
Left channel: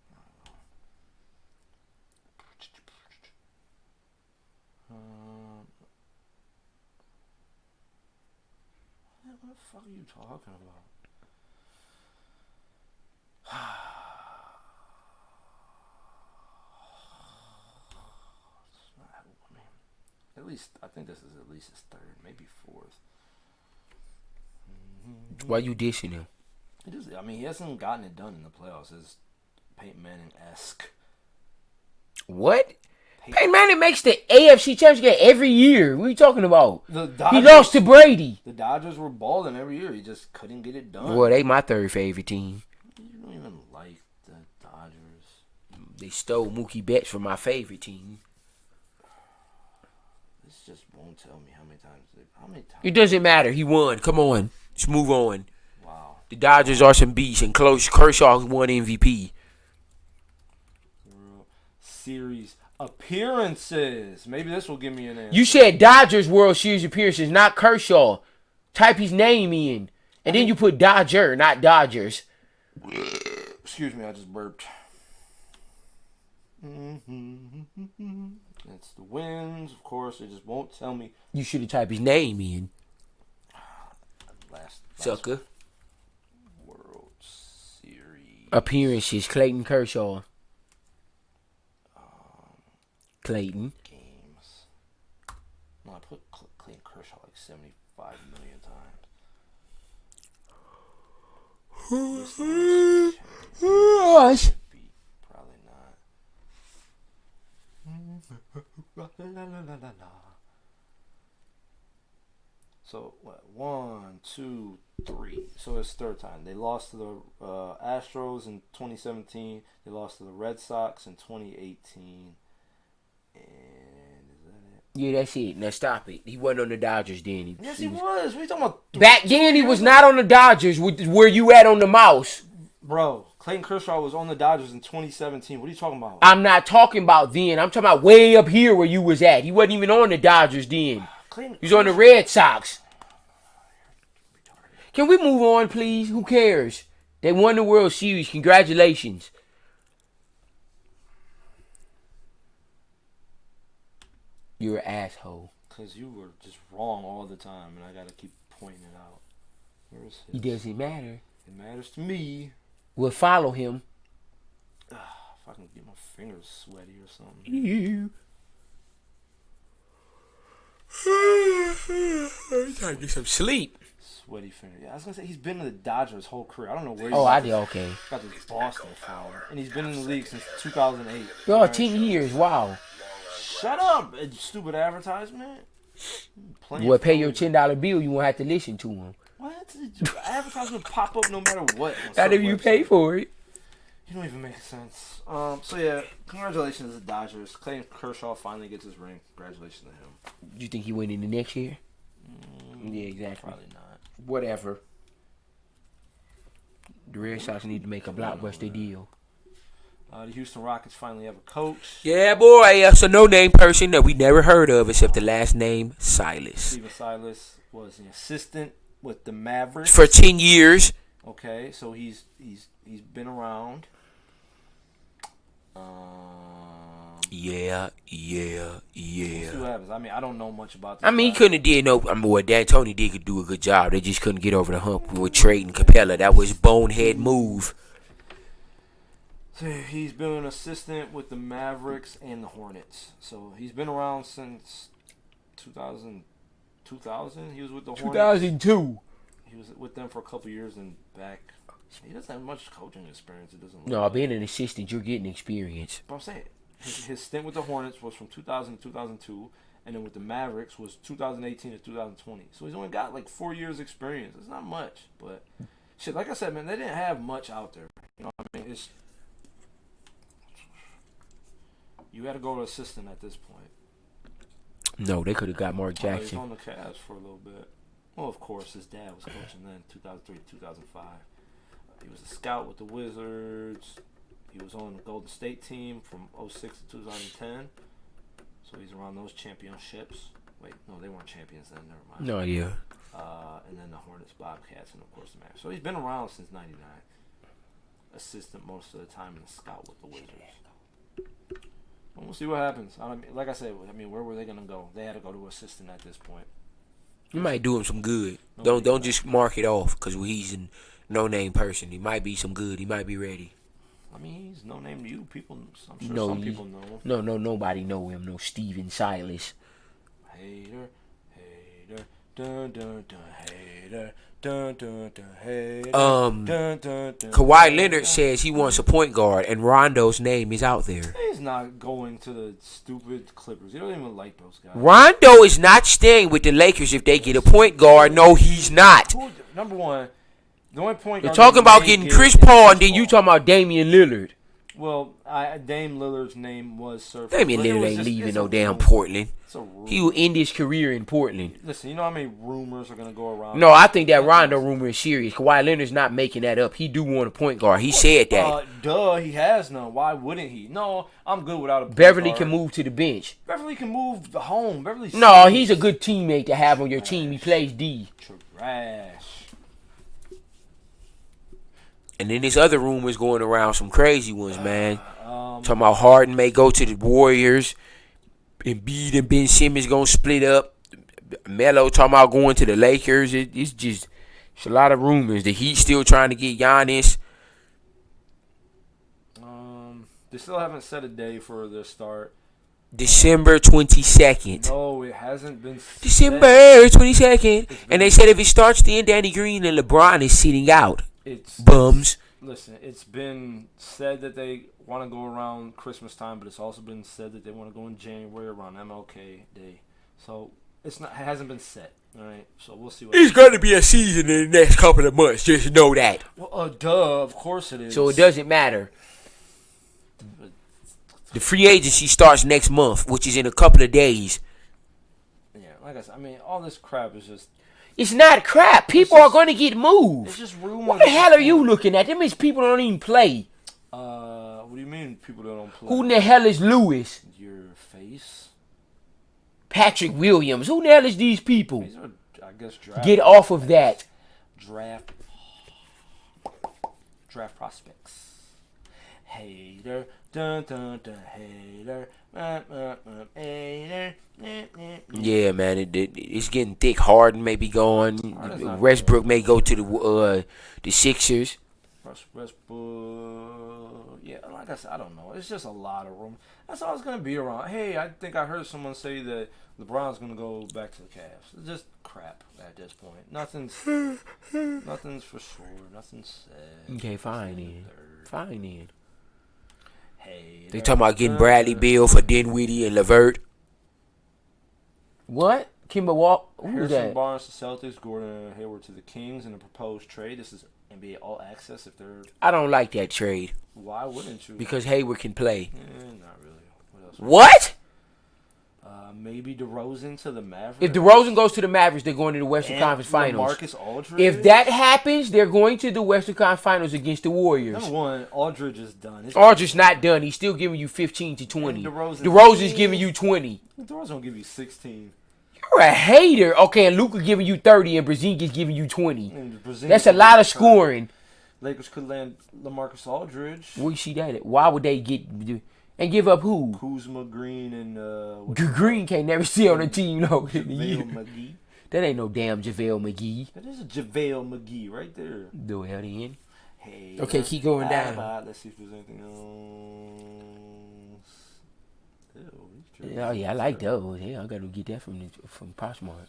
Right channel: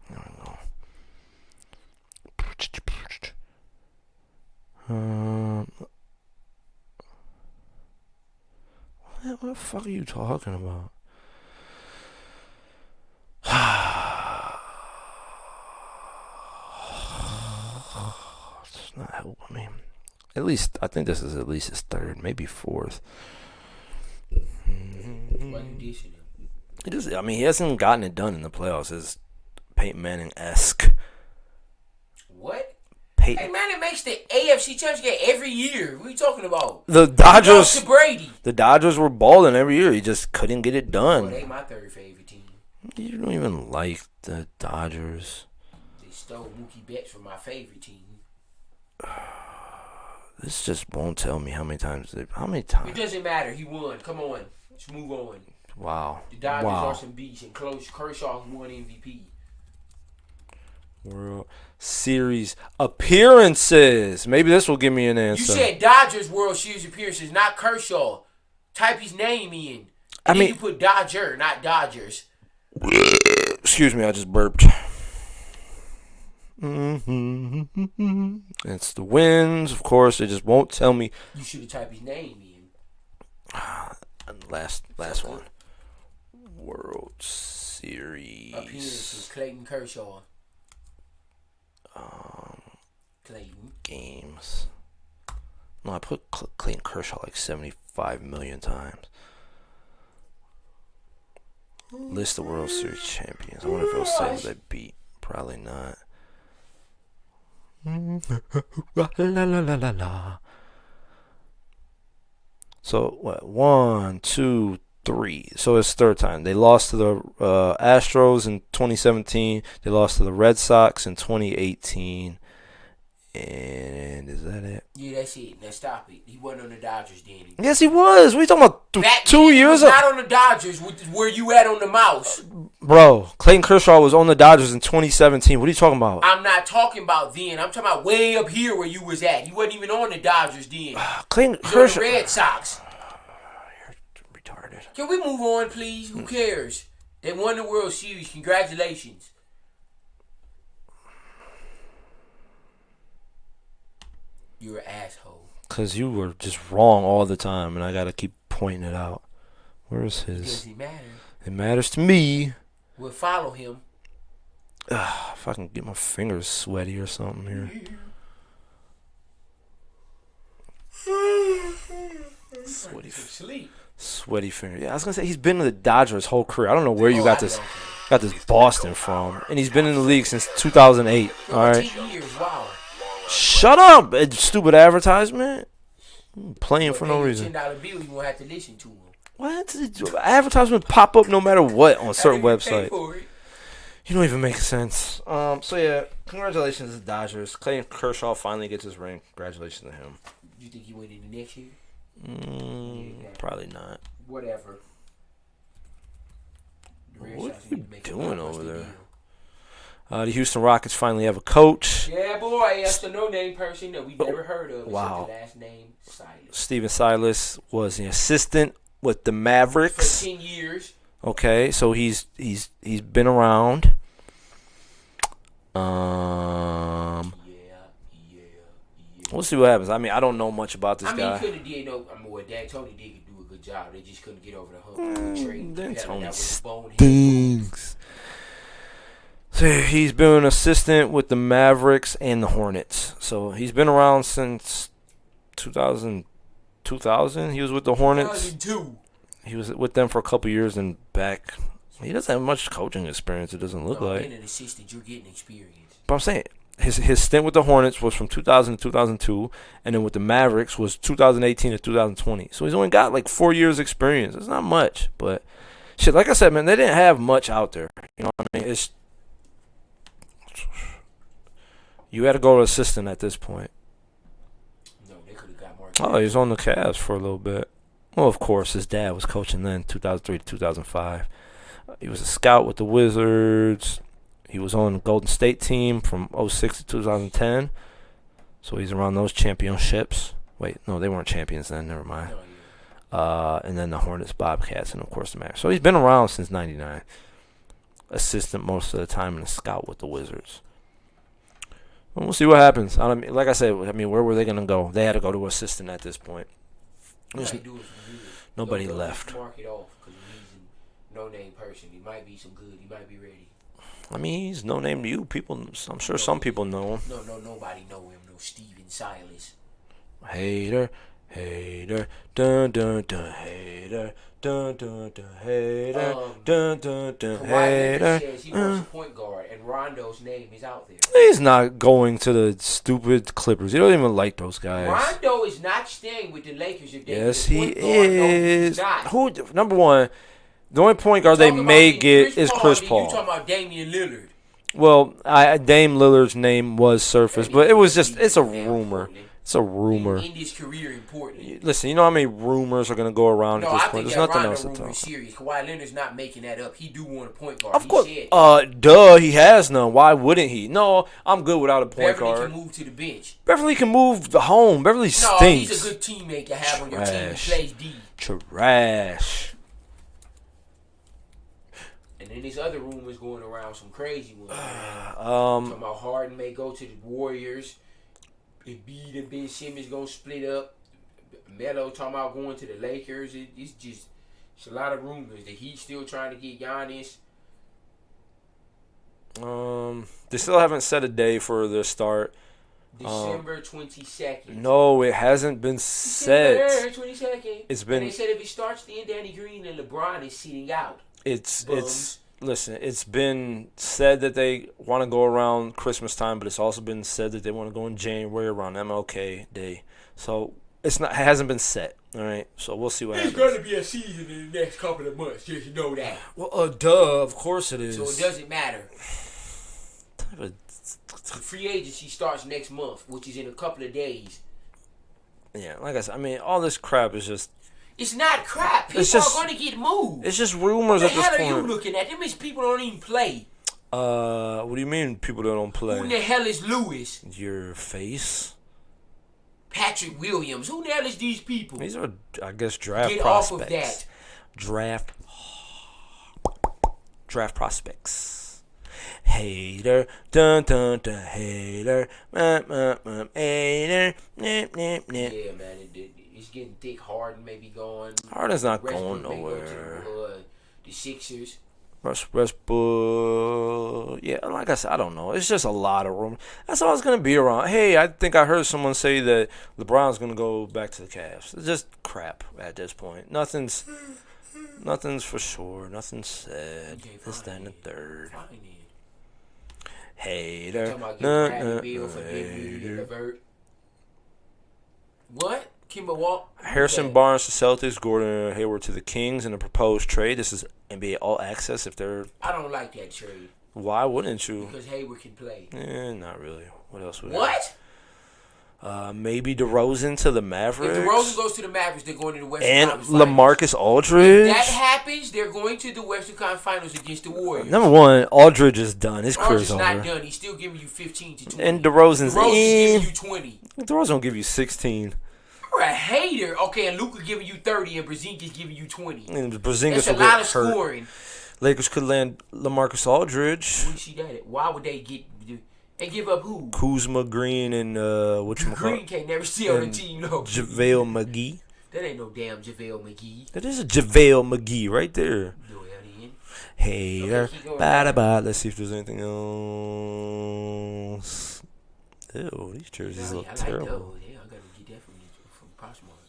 There we go. What the fuck are you talking about? It's not helping me. At least, I think this is at least his third, maybe fourth. Why you dissing him? I mean, he hasn't gotten it done in the playoffs. It's Peyton Manning-esque. What? Peyton Manning makes the AFC Championship game every year. What are you talking about? The Dodgers. He lost to Brady. The Dodgers were balling every year. He just couldn't get it done. Well, they my third favorite team. You don't even like the Dodgers. They stole Mookie Betts from my favorite team. This just won't tell me how many times. It doesn't matter. He won. Come on. Let's move on. Wow. The Dodgers are some beasts, and Kershaw won MVP. World Series appearances. Maybe this will give me an answer. You said Dodgers World Series appearances, not Kershaw. Type his name in. And then you put Dodger, not Dodgers. Excuse me, I just burped. It's the wins, of course. It just won't tell me. You should have typed his name in. Last Sucker. one. World Series Appearances, Clayton Kershaw. Clayton. Games. No, I put Clayton Kershaw like 75 million times. List of World Series champions. I wonder if those Suns I beat. Probably not. So what? 1, 2, 3. So it's third time. They lost to the Astros in 2017. They lost to the Red Sox in 2018. And is that it? Yeah, that's it. Now stop it. He wasn't on the Dodgers then. Yes, he was. What are you talking about? Back 2 then, he years was not on the Dodgers. Where you at on the mouse? Bro, Clayton Kershaw was on the Dodgers in 2017. What are you talking about? I'm not talking about then. I'm talking about way up here where you was at. He wasn't even on the Dodgers then. Clayton He was on the Red Sox. You're retarded. Can we move on, please? Who cares? They won the World Series. Congratulations. You're an asshole. Because you were just wrong all the time, and I got to keep pointing it out. Where's his? It doesn't matter. It matters to me. We'll follow him. If I can get my fingers sweaty or something here. Trying to get some sleep. Sweaty fingers. Yeah, I was going to say, he's been in the Dodgers his whole career. I don't know where you got this Boston from. And he's been in the league since 2008. No, 10 years. Wow. Shut up, stupid advertisement. Playing for no reason. Pay your $10 bill, you won't have to listen to him. What? Advertisements pop up no matter what on certain websites. Pay for it. You don't even make sense. So yeah, congratulations to the Dodgers. Clayton Kershaw finally gets his ring. Congratulations to him. You think he win in the next year? Yeah, exactly. Probably not. Whatever. The Red Sox need to make a blockbuster deal. The Houston Rockets finally have a coach. Yeah, boy. That's a no-name person that we never heard of except the last name, Silas. Steven Silas was an assistant with the Mavericks for 10 years. Okay, so he's been around. Yeah. We'll see what happens. I mean, I don't know much about this. He couldn't have did no. What D'Antoni did could do a good job. They just couldn't get over the hump with trading Capella. That was bonehead move. So he's been an assistant with the Mavericks and the Hornets. So he's been around since 2000. He was with the Hornets. 2002. He was with them for a couple years and back. He doesn't have much coaching experience. It doesn't look like. No, being an assistant, you're getting experience. But I'm saying his stint with the Hornets was from 2000 to 2002, and then with the Mavericks was 2018 to 2020. So he's only got like 4 years experience. It's not much, but shit. Like I said, man, they didn't have much out there. You know what I mean? You had to go to assistant at this point. No, they could have got more. Oh, he was on the Cavs for a little bit. Well, of course, his dad was coaching then, 2003 to 2005. He was a scout with the Wizards. He was on the Golden State team from 06 to 2010. So he's around those championships. Wait, no, they weren't champions then. Never mind. No idea. And then the Hornets, Bobcats, and of course the Mavericks. So he's been around since '99. Assistant most of the time and a scout with the Wizards. We'll see what happens. Like I said, where were they gonna go? They had to go to assistant at this point. You might do him some good. Nobody Don't left. just mark it off because he's a no-name person. He might be some good. He might be ready. I mean, he's no name to you. I'm sure some people know him. No, nobody know him. No Steven Silas. Hater, dun dun dun, hater, dun dun dun, hater, dun dun dun. Kawhi Leonard says he wants a point guard, and Rondo's name is out there. He's not going to the stupid Clippers. He don't even like those guys. Rondo is not staying with the Lakers if they get a point guard. No, he's not. Number one, the only point guard You're talking about they getting Chris Paul, and then you talking about Damian Lillard. Well, Dame Lillard's name was surfaced, but it was just it's a rumor. Portland. It's a rumor. He will end his career in Portland. Listen, you know how many rumors are going to go around? No, I think that Rondo rumor is serious. Kawhi Leonard's not making that up. He do want a point guard. He said that. He has none. Why wouldn't he? No, I'm good without a point Beverly guard. can move to the bench. Beverly can move the home. Beverly stinks. No, he's a good teammate to have on your team. He plays D. Trash. And then there's other rumors going around, some crazy ones, man. Talking about Harden may go to the Warriors. Embiid and Ben Simmons gonna split up. Melo talking about going to the Lakers. It's a lot of rumors. The Heat still trying to get Giannis. They still haven't set a day for the start. December 22nd. No, it hasn't been set. December 22nd. And they said if it starts then, Danny Green and LeBron is sitting out. Listen, it's been said that they want to go around Christmas time, but it's also been said that they want to go in January around MLK Day. So it hasn't been set. All right, so we'll see what happens. It's going to be a season in the next couple of months. Just know that. Well, duh, of course it is. So it doesn't matter. The free agency starts next month, which is in a couple of days. Yeah, like I said, all this crap is just. It's not crap. People are going to get moved. It's just rumors. What the hell are you looking at? That means people don't even play. What do you mean people don't play? Who in the hell is Lewis? Your face. Patrick Williams. Who the hell is these people? These are, I guess, draft Get prospects. off of that. Draft prospects. Hater, dun dun dun, hater, hater. Yeah, man, it's getting thick. Harden may be going. Harden's not Westbrook going may go to nowhere. the Sixers. Westbrook. Yeah, like I said, I don't know. It's just a lot of room. That's all it's gonna be around. Hey, I think I heard someone say that LeBron's gonna go back to the Cavs. It's just crap at this point. Nothing's for sure. Nothing's said. Okay, fine. Fine then. Hey, they talking about getting Bradley Beal for Dinwiddie and LeVert. What? Kimber Walk? Harrison Barnes to Celtics, Gordon Hayward to the Kings in a proposed trade. This is NBA All Access. I don't like that trade. Why wouldn't you? Because Hayward can play. Not really. What else? What? Maybe DeRozan to the Mavericks. If DeRozan goes to the Mavericks, they're going to the Western Conference Finals. LaMarcus Aldridge. If that happens, they're going to the Western Conference Finals against the Warriors. Number one, Aldridge is done. Aldridge is not done. He's still giving you 15 to 20. And DeRozan's giving you 20. DeRozan will give you 16. You're a hater. Okay, and Luka giving you 30 and Porzingis giving you 20. That's a lot of scoring. Lakers could land LaMarcus Aldridge. We see that. Why would they get... And give up who? Kuzma, Green, and Green can't never see on the team, no. JaVale McGee. That ain't no damn JaVale McGee. That is a JaVale McGee right there. No hell in. Hey. Okay, keep going. Let's see if there's anything else. Ew, these jerseys. Yeah, I like those. Yeah, I gotta get that from Poshmark.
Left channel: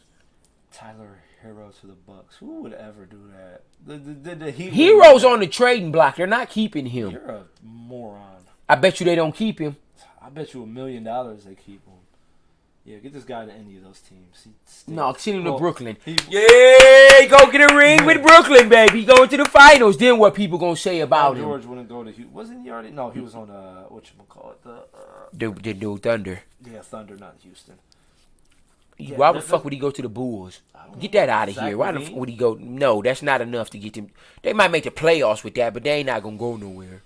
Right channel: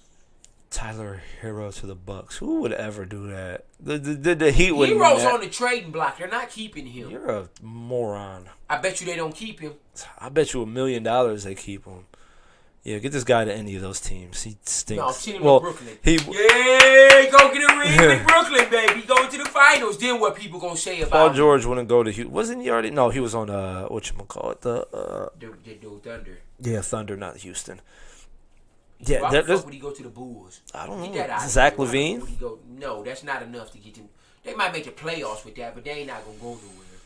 Tyler Hero to the Bucks. Who would ever do that? The Heat. Hero's on the trading block. They're not keeping him. You're a moron. I bet you they don't keep him. I bet you $1 million they keep him. Yeah, get this guy to any of those teams. He stinks. No, send him to Brooklyn. Yeah, go get a ring with Brooklyn, baby. Going to the finals. Then what people gonna say about Paul George wouldn't go to Houston. Wasn't he already? No, he was on whatchamacallit, the new Thunder. Yeah, Thunder, not Houston. Yeah, why the fuck would he go to the Bulls? I don't get know. that out of Zach here. Why LaVine? the fuck would he go? No, that's not enough to get them. They might make the playoffs with that, but they ain't not gonna go nowhere.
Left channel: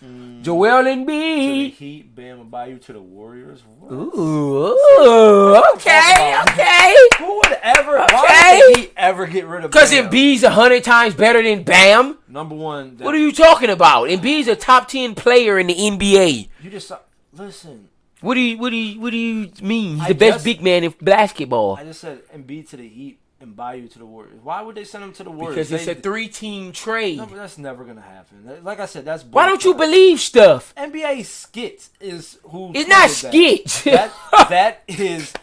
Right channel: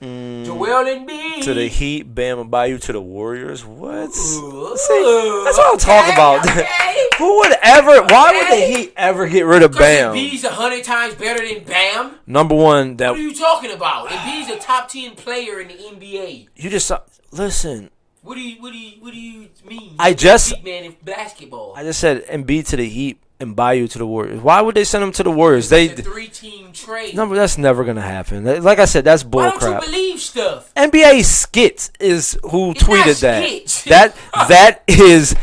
Joel Embiid. To the Heat, Bam Adebayo to the Warriors. What? Ooh, See, that's what I'm talking about. Okay. Who would ever? Why would the Heat ever get rid of Because Bam? Embiid's 100 times better than Bam. Number one. What are you talking about? Embiid's a top 10 player in the NBA. You just listen. What do you mean? I He's the best big man in basketball. I just said Embiid to the Heat and Adebayo to the Warriors. Why would they send him to the Warriors? It's a 3-team trade. No, that's never gonna happen. Like I said, that's bull Why don't you believe stuff? NBA Skits is who It's not tweeted that. Skits. That is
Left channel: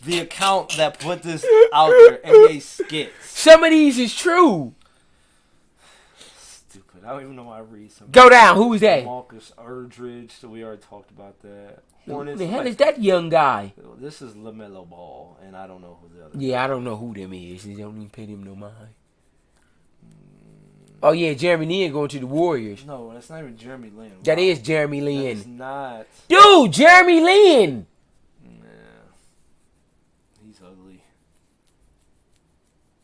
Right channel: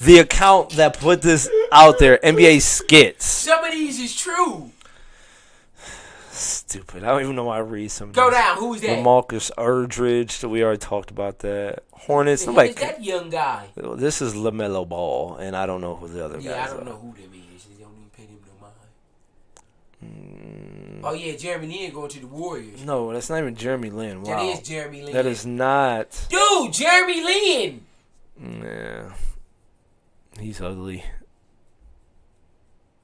the account that put this out there. NBA Skits. Some of these is true. Stupid. I don't even know why I read some. Go down. Who is that? Marcus Aldridge. We already talked about that. Hornets. Who is that young guy? This is LaMelo Ball, and I don't know who the other. Yeah, I don't know who them is. They don't even pay them no mind. Oh yeah, Jeremy Lin going to the Warriors. No, that's not even Jeremy Lin. Wow. That is Jeremy Lin. That is not. Dude, Jeremy Lin. Yeah. He's ugly.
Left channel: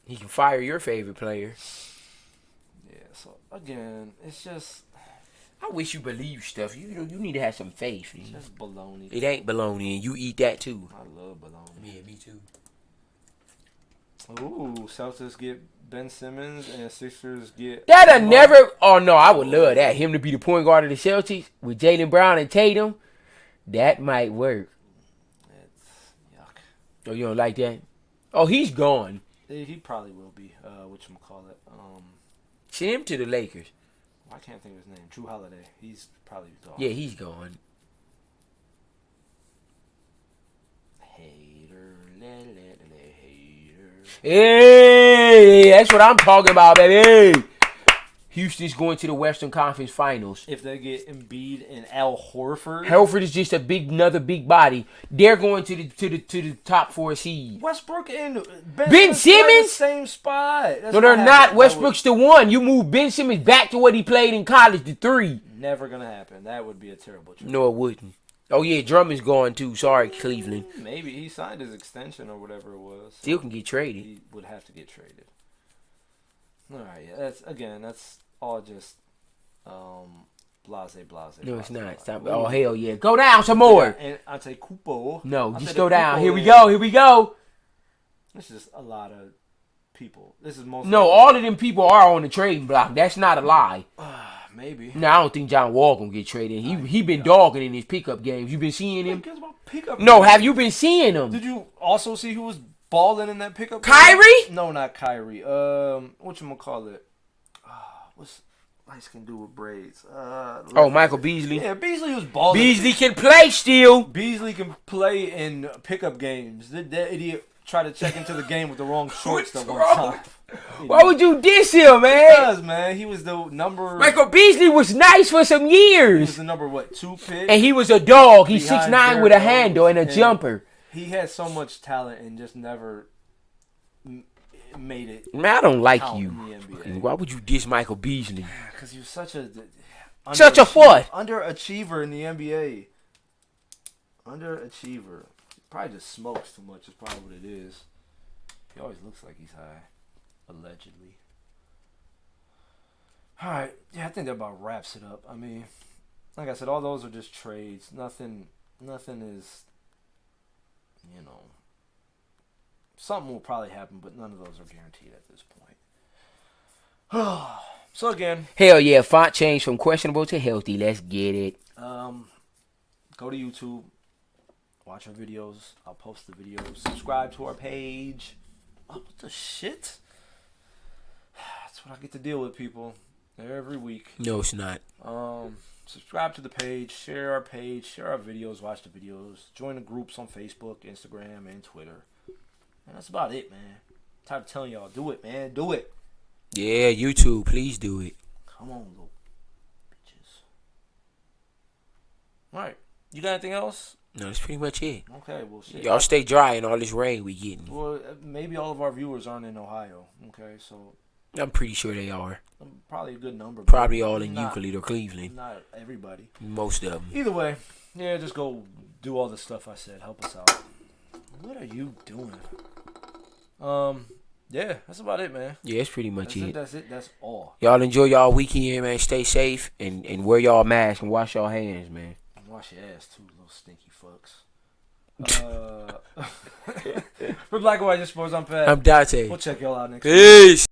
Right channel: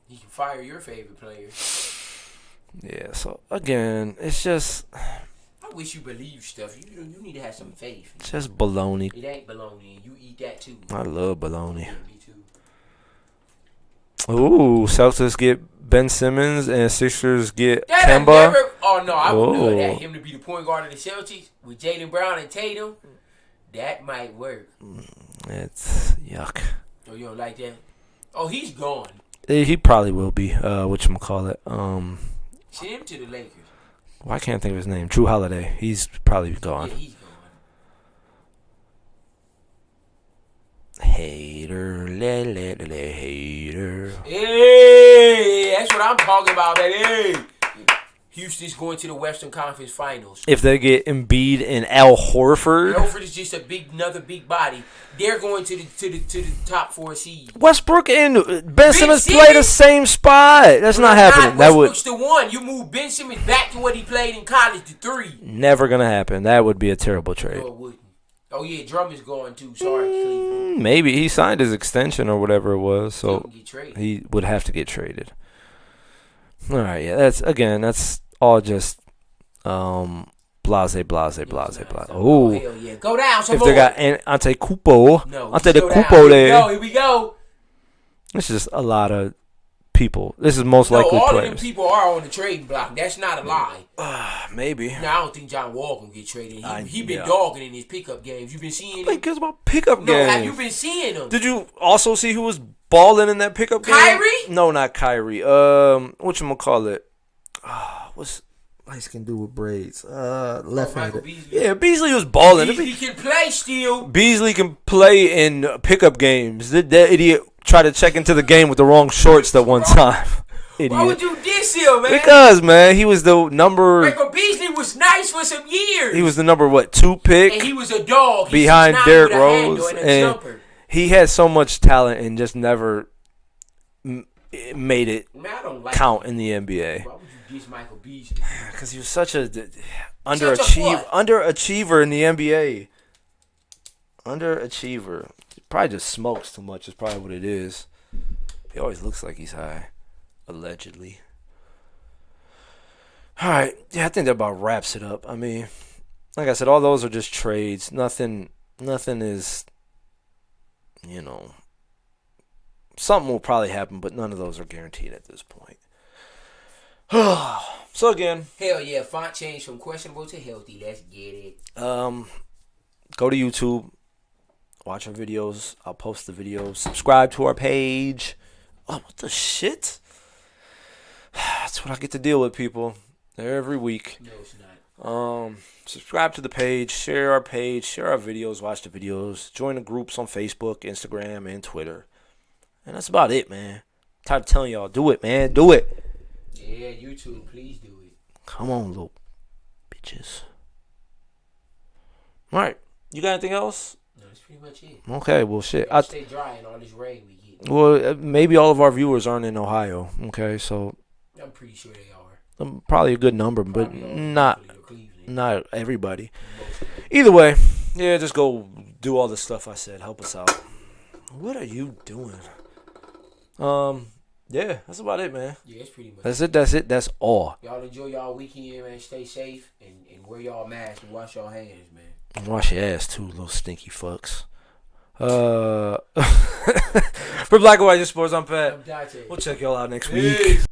He can fire your favorite player. Yeah, so again, it's just. I wish you believe stuff. You need to have some faith. It's just baloney. It ain't baloney, and you eat that too. I love baloney. Yeah, me too. Ooh, Celtics get Ben Simmons and Sixers get That'll Kemba. never. Oh no, I would love that. Whoa. Him to be the point guard of the Celtics with Jaylen Brown and Tatum. That might work. It's yuck. Oh, you don't like that? Oh, he's gone. He probably will be. Whatchamacallit. Send him to the Lakers. Why can't I think of his name? Drew Holiday. He's probably gone. Yeah, he's gone. Hater, hater. Hey, that's what I'm talking about, baby. Houston's going to the Western Conference Finals. If they get Embiid and Al Horford. Horford is just another big body. They're going to the top 4 seed. Westbrook and Ben Simmons play the same spot. That's not happening. Westbrook's the 1. You move Ben Simmons back to what he played in college, the 3. Never gonna happen. That would be a terrible trade. No, it wouldn't. Oh yeah, Drummond's gone too. Sorry, Cleveland. Maybe he signed his extension or whatever it was, so Still can get traded. he would have to get traded. All right, yeah, that's all just blase. Oh hell yeah, go down some if more. They got Antetokounmpo. No, Antetokounmpo just go down. Here we go. This is a lot of people. This is most No, likely all players. of them people are on the trading block. That's not a lie. Maybe. No, I don't think John Wall gonna get traded. He been dogging in his pickup games. You been seeing him? Because about pickup No, games. have you been seeing him? Did you also see who was balling in that pickup game? Kyrie? No, not Kyrie. Whatchamacallit? What's light can do with braids? Michael Beasley. Yeah, Beasley was balling. Beasley can play still. Beasley can play in pickup games. That idiot tried to check into the game with the wrong shorts that one time. Idiot. Why would you diss him, man? Because, man, he was the number. Michael Beasley was nice for some years. He was the number 2 pick, and he was a dog. He's 6'9" with a handle and a jumper. He had so much talent and just never made it. Man, I don't like count you. in the NBA. Why would you diss Michael Beasley? Because he was such a what? Underachiever in the NBA. Underachiever. He probably just smokes too much. Is probably what it is. He always looks like he's high, allegedly. All right, yeah, I think that about wraps it up. I mean, like I said, all those are just trades. Nothing is, something will probably happen, but none of those are guaranteed at this point. So again, hell yeah, font change from questionable to healthy. Let's get it. go to YouTube, watch our videos. I'll post the videos. Subscribe to our page. Oh, what the shit? That's what I get to deal with, people, every week. No, it's not. Subscribe to the page, share our videos, watch the videos, join the groups on Facebook, Instagram, and Twitter. And that's about it, man. Tired of telling y'all, do it, man. Do it. Yeah, YouTube, please do it. Come on, little bitches. All right. You got anything else? No, that's pretty much it. Okay, well, shit. Y'all stay dry in all this rain we getting. Well, maybe all of our viewers aren't in Ohio. Okay, so I'm pretty sure they are. probably a good number. Probably but all in not Euclid or Cleveland. Not everybody. Most of them. Either way, yeah, just go do all the stuff I said. Help us out. What are you doing? Yeah, that's about it, man. Yeah, it's pretty much That's it. it. That's it. That's all. Y'all enjoy y'all weekend, man. Stay safe and wear y'all mask and wash y'all hands, man. Wash your ass too, little stinky fucks. For Black and White Sports, I'm Pat. I'm Dante. We'll check y'all out next week. Peace.